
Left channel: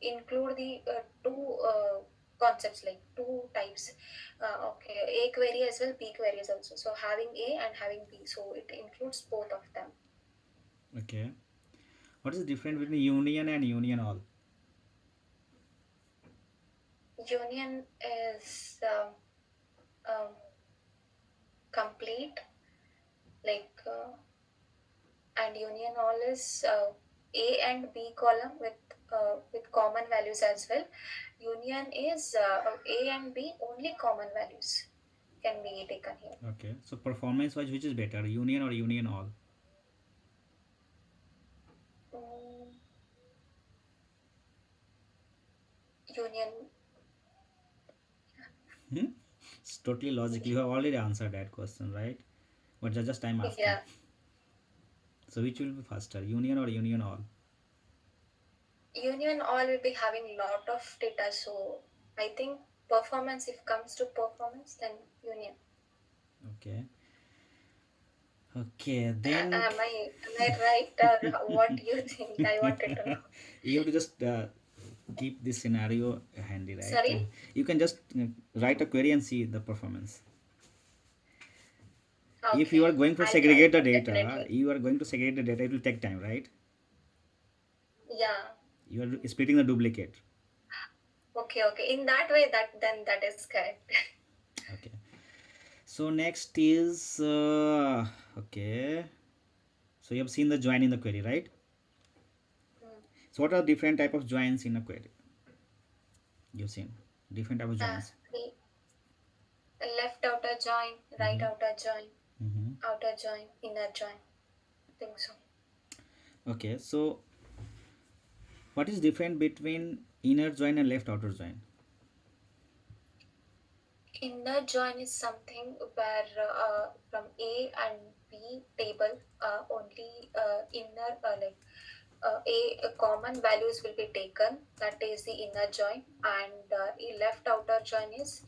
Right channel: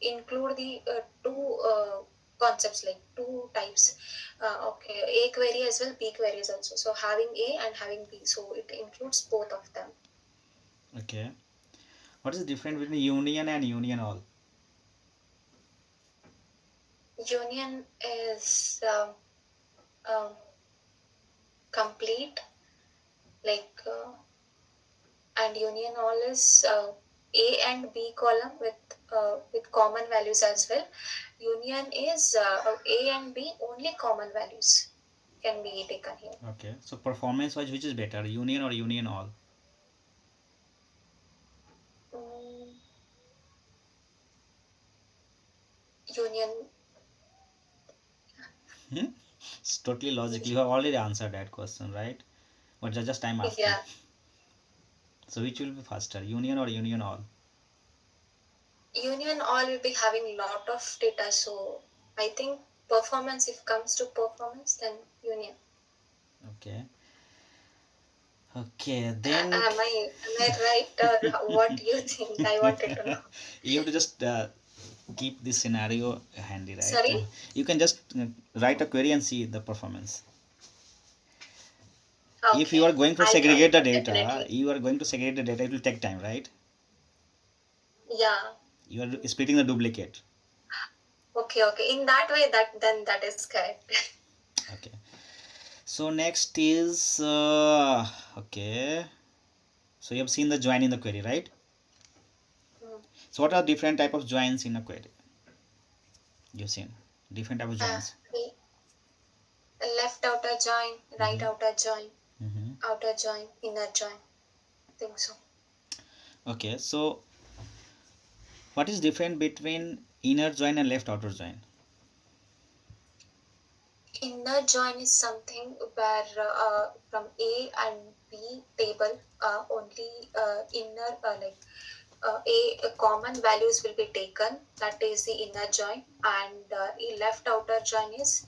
include the two concepts, like two types. Okay, a query as well, b queries also, so having a and having b, so it includes both of them. Okay. What is the difference between union and union all? Union is um, complete, like and union all is A and B column with common values as well. Union is A and B only common values can be taken here. Okay, so performance wise, which is better, union or union all? Mm, union. Hmm? It's totally logical. You have already answered that question, right? But just I'm asking. Yeah, So which will be faster, union or union all? union all will be having lot of data, so I think performance, if comes to performance, then union. Okay. Okay, then Am I right, or what do you think? I wanted to know. you have to just keep this scenario handy, right? Sorry. You can just write a query and see the performance. If you Okay, are going to I'll try segregate the that data, definitely. you are going to segregate the data, it will take time, right? Yeah. You are splitting the duplicate. Okay, okay. In that way, that is correct. Okay. So next is okay. So you have seen the join in the query, right? Mm. So what are different type of joins in a query? You've seen different type of joins. The left outer join, right Mm-hmm. Mm-hmm. outer join, inner join. I think so. Okay, so what is different between inner join and left outer join? Inner join is something where from A and B table only inner a common values will be taken. That is the inner join, and a left outer join is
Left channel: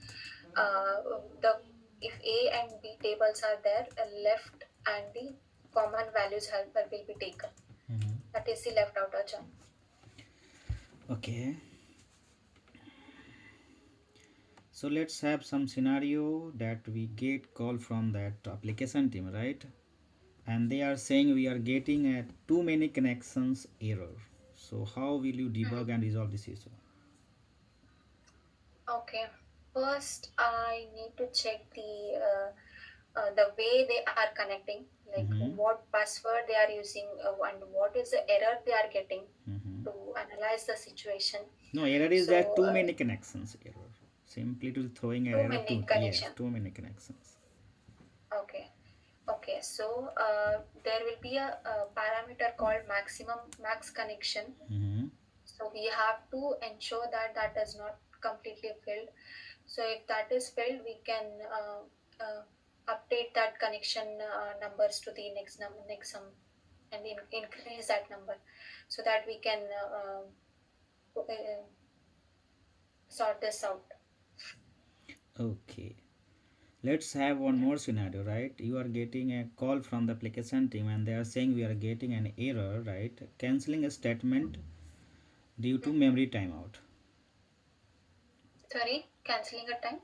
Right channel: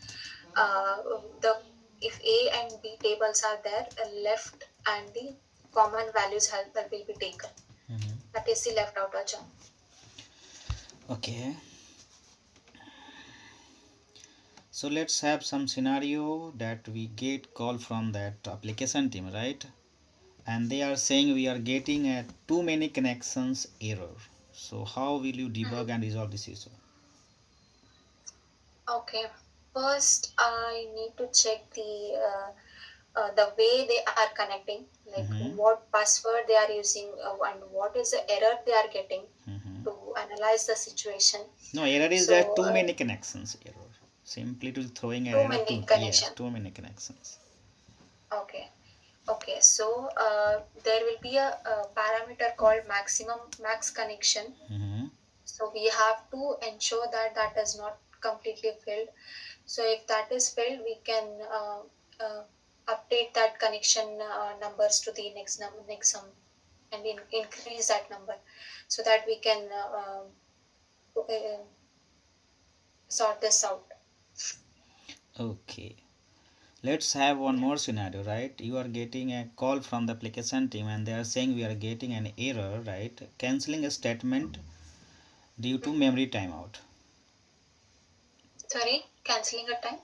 uh, the if A and B tables are there, left and the common values will be taken. Mm-hmm. That is the left outer join. Okay, so let's have some scenario that we get call from that application team, right? And they are saying we are getting a too many connections error. So how will you debug Mhm. and resolve this issue? Okay. First, I need to check the way they are connecting, like Mm-hmm. what password they are using and what is the error they are getting Mm-hmm. to analyze the situation. No, error is that So, too many connections error. Simply to throwing an too error many to yes, connection. too many connections. Okay. Okay. So, there will be a parameter called max connection. Mm-hmm. So we have to ensure that that is not completely filled. So if that is filled, we can update that connection numbers to the next sum and increase that number so that we can sort this out. Okay. Let's have one more scenario, right? You are getting a call from the application team and they are saying we are getting an error, right? Canceling a statement due to Mm. memory timeout. Sorry, canceling a time.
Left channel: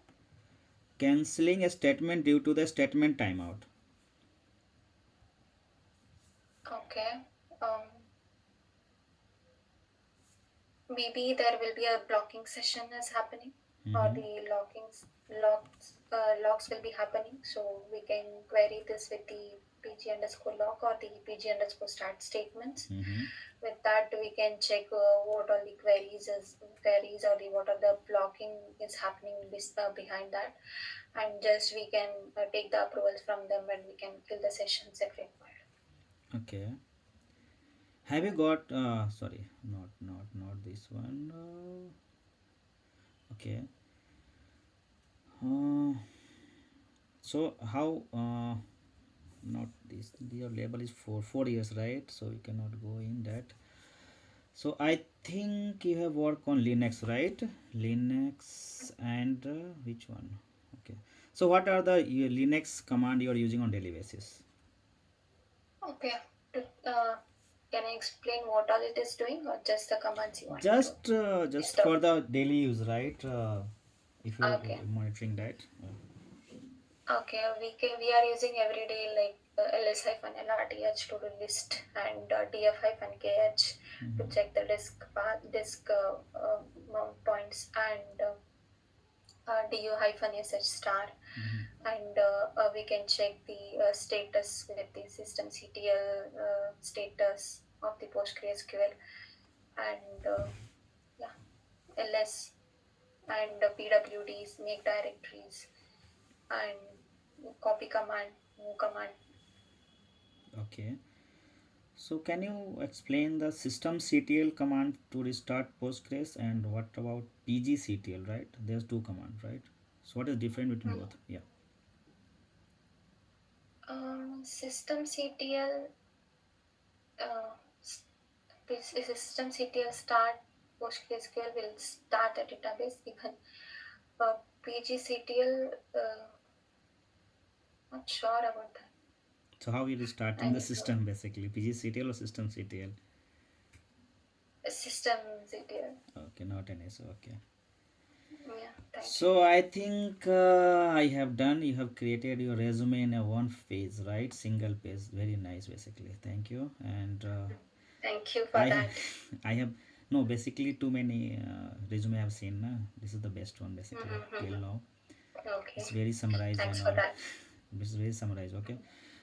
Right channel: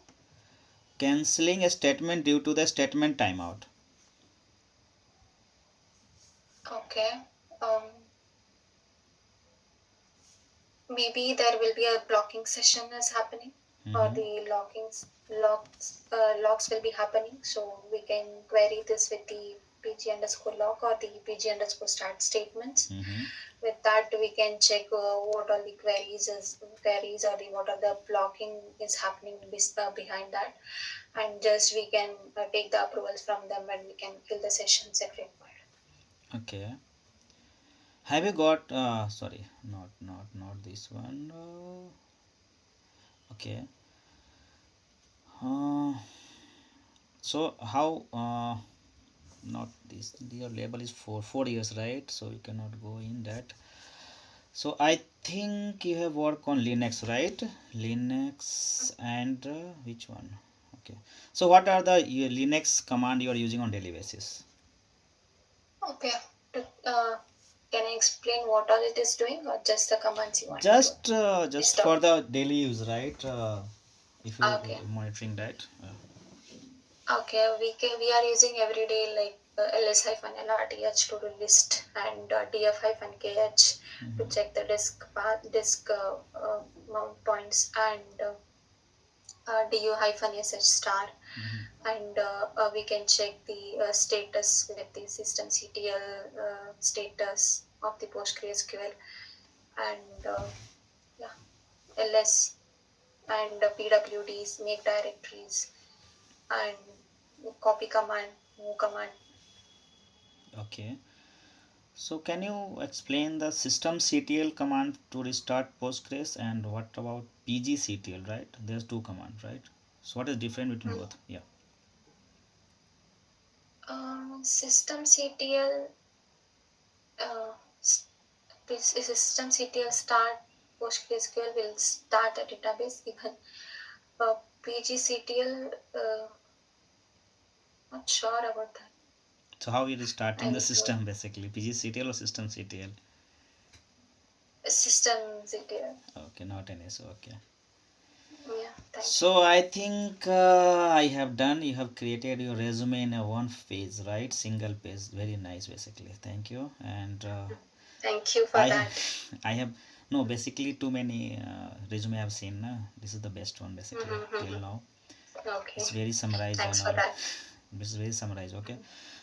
Canceling a statement due to the statement timeout. Okay. Um, Maybe there will be a blocking session is happening, or Mm-hmm. the logs will be happening. So we can query this with the pg underscore log or the pg underscore start statements. Mm-hmm. With that, we can check what all the queries or the what are the blocking is happening behind that, and just we can take the approvals from them and we can kill the sessions if required. Okay. Have you got sorry, not this one. Okay. Uh, so how not this, your label is for 4 years, right? So you cannot go in that. So I think you have worked on Linux, right? Linux and which one? Okay. So what are the Linux command you are using on daily basis? Okay. Uh, can I explain what all it is doing, or just the commands you want me to Just list for out? the daily use, right? If you're Okay. monitoring that. Okay, we are using every day like ls-lrth to do list and df-kh to Mhm. check the disk path, disk mount points, and du-sh star and we can check the status with the systemctl status of the PostgreSQL, and yeah, ls and pwds, make directories, and copy command, move command. Okay. So can you explain the systemctl command to restart Postgres, and what about pgctl, right? There's two commands, right? So what is different between Mm. both? Yeah. Systemctl, uh, s- systemctl start PostgreSQL will start a database. Even pgctl, not sure about that. So how are restarting I the need to system basically? pgctl or systemctl? systemctl. Okay, not an issue. Okay. Yeah, thank you. So I think I have done. You have created your resume in a one page, right? Single page. Very nice, basically. Thank you. And Thank you for I have, that. I have no basically too many resume I've seen. Na? This is the best one basically till Mm-hmm. now. Okay, It's very summarized thanks and for all. that. It's very summarized. Okay.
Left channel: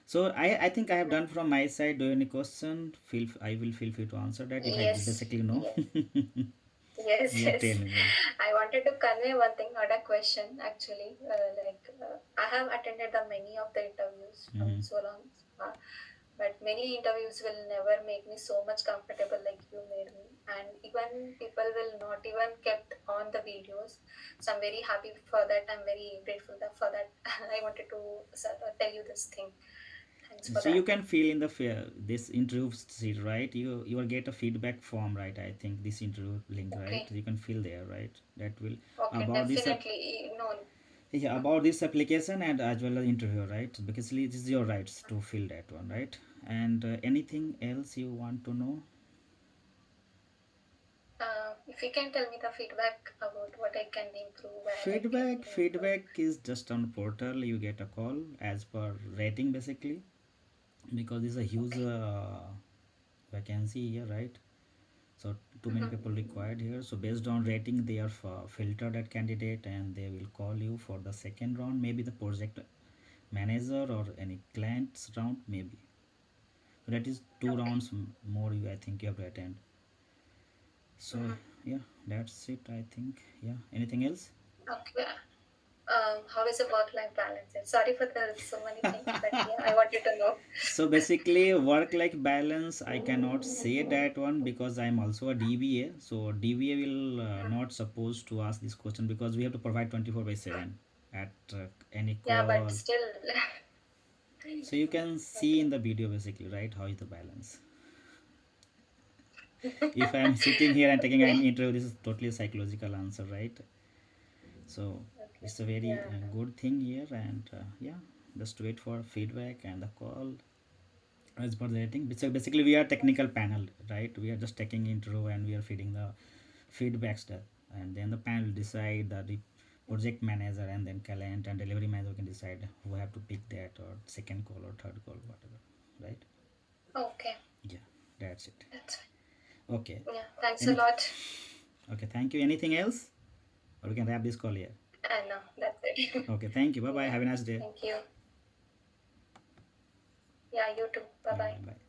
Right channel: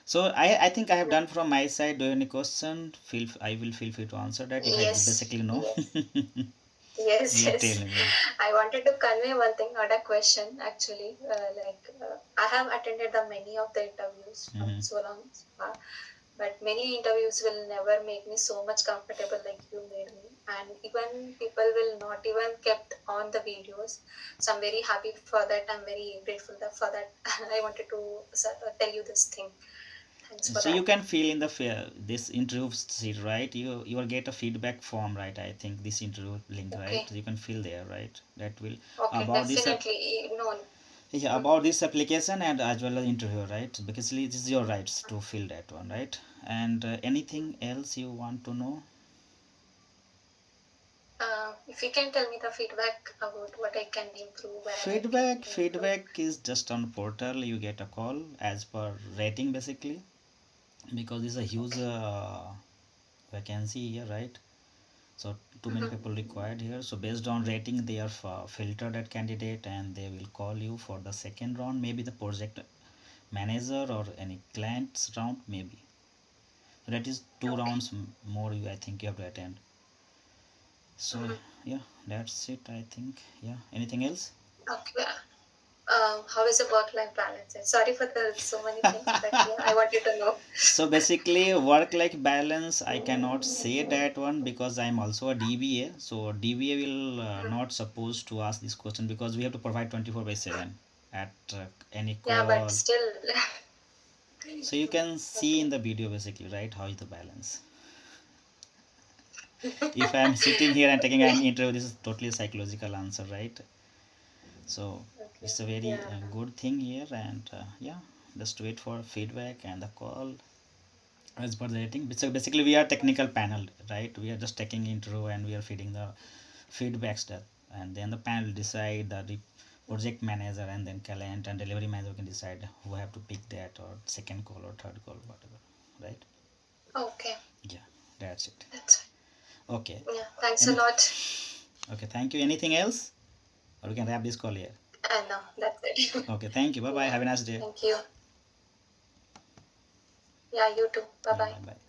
So I think I have done from my side. Do you have any question? I will feel free to answer that if I Yes, basically know. yes, yes, Yeah, tell yes. me. Yeah. I wanted to convey one thing, not a question actually. I have attended the many of the interviews from Mm-hmm. so long, but many interviews will never make me so much comfortable like you made me, and even people will not even kept on the videos. So I'm very happy for that. I'm very grateful for that. I wanted to tell you this thing. Thanks for So you that. can fill in the this interview sheet, right? You will get a feedback form, right? I think this interview link, right? Okay, You can fill there, right? That will okay, about this definitely. No. yeah, Mm, about this application and as well as interview, right? Because this is your rights to fill that one, right? And anything else you want to know? if you can tell me the feedback about what I can improve, where I can improve. Feedback is just on portal. You get a call as per rating basically, because this is a huge Okay. vacancy here, right? So too many people Mm-hmm. required here, so based on rating they are filtered that candidate, and they will call you for the second round, maybe the project manager or any clients round maybe. So that is two Okay. rounds more you, I think you have to attend. So Mm-hmm. yeah, that's it, I think. Yeah, anything else? Okay. How is the work-life balance? Sorry for the so many things, but yeah, I wanted to know. So basically work life balance, I cannot say that one because I'm also a DBA. So DBA will Mhm. not supposed to ask this question, because we have to provide 24 by 7 at any Yeah, but call. still. So you can see in Okay. the video basically, right, how is the balance. If I'm sitting here and taking an Okay. interview, this is totally psychological answer, right? So Okay. it's a very Yeah. good thing here, and yeah, just wait for feedback and the call as per the rating. So basically we are technical panel, right? We are just taking interview and we are feeding the feedbacks that, and then the panel decide the project manager and then client and delivery manager can decide who have to pick that, or second call or third call, whatever, right? Okay. Yeah, that's it. That's fine. Okay. Yeah. Thanks a Anything? lot. Okay, thank you. Anything else? Or we can wrap this call here. No, that's it. Okay, thank you. Bye bye. Yeah. Have a nice day. Thank you. Yeah, you too. Bye Yeah, bye. bye bye.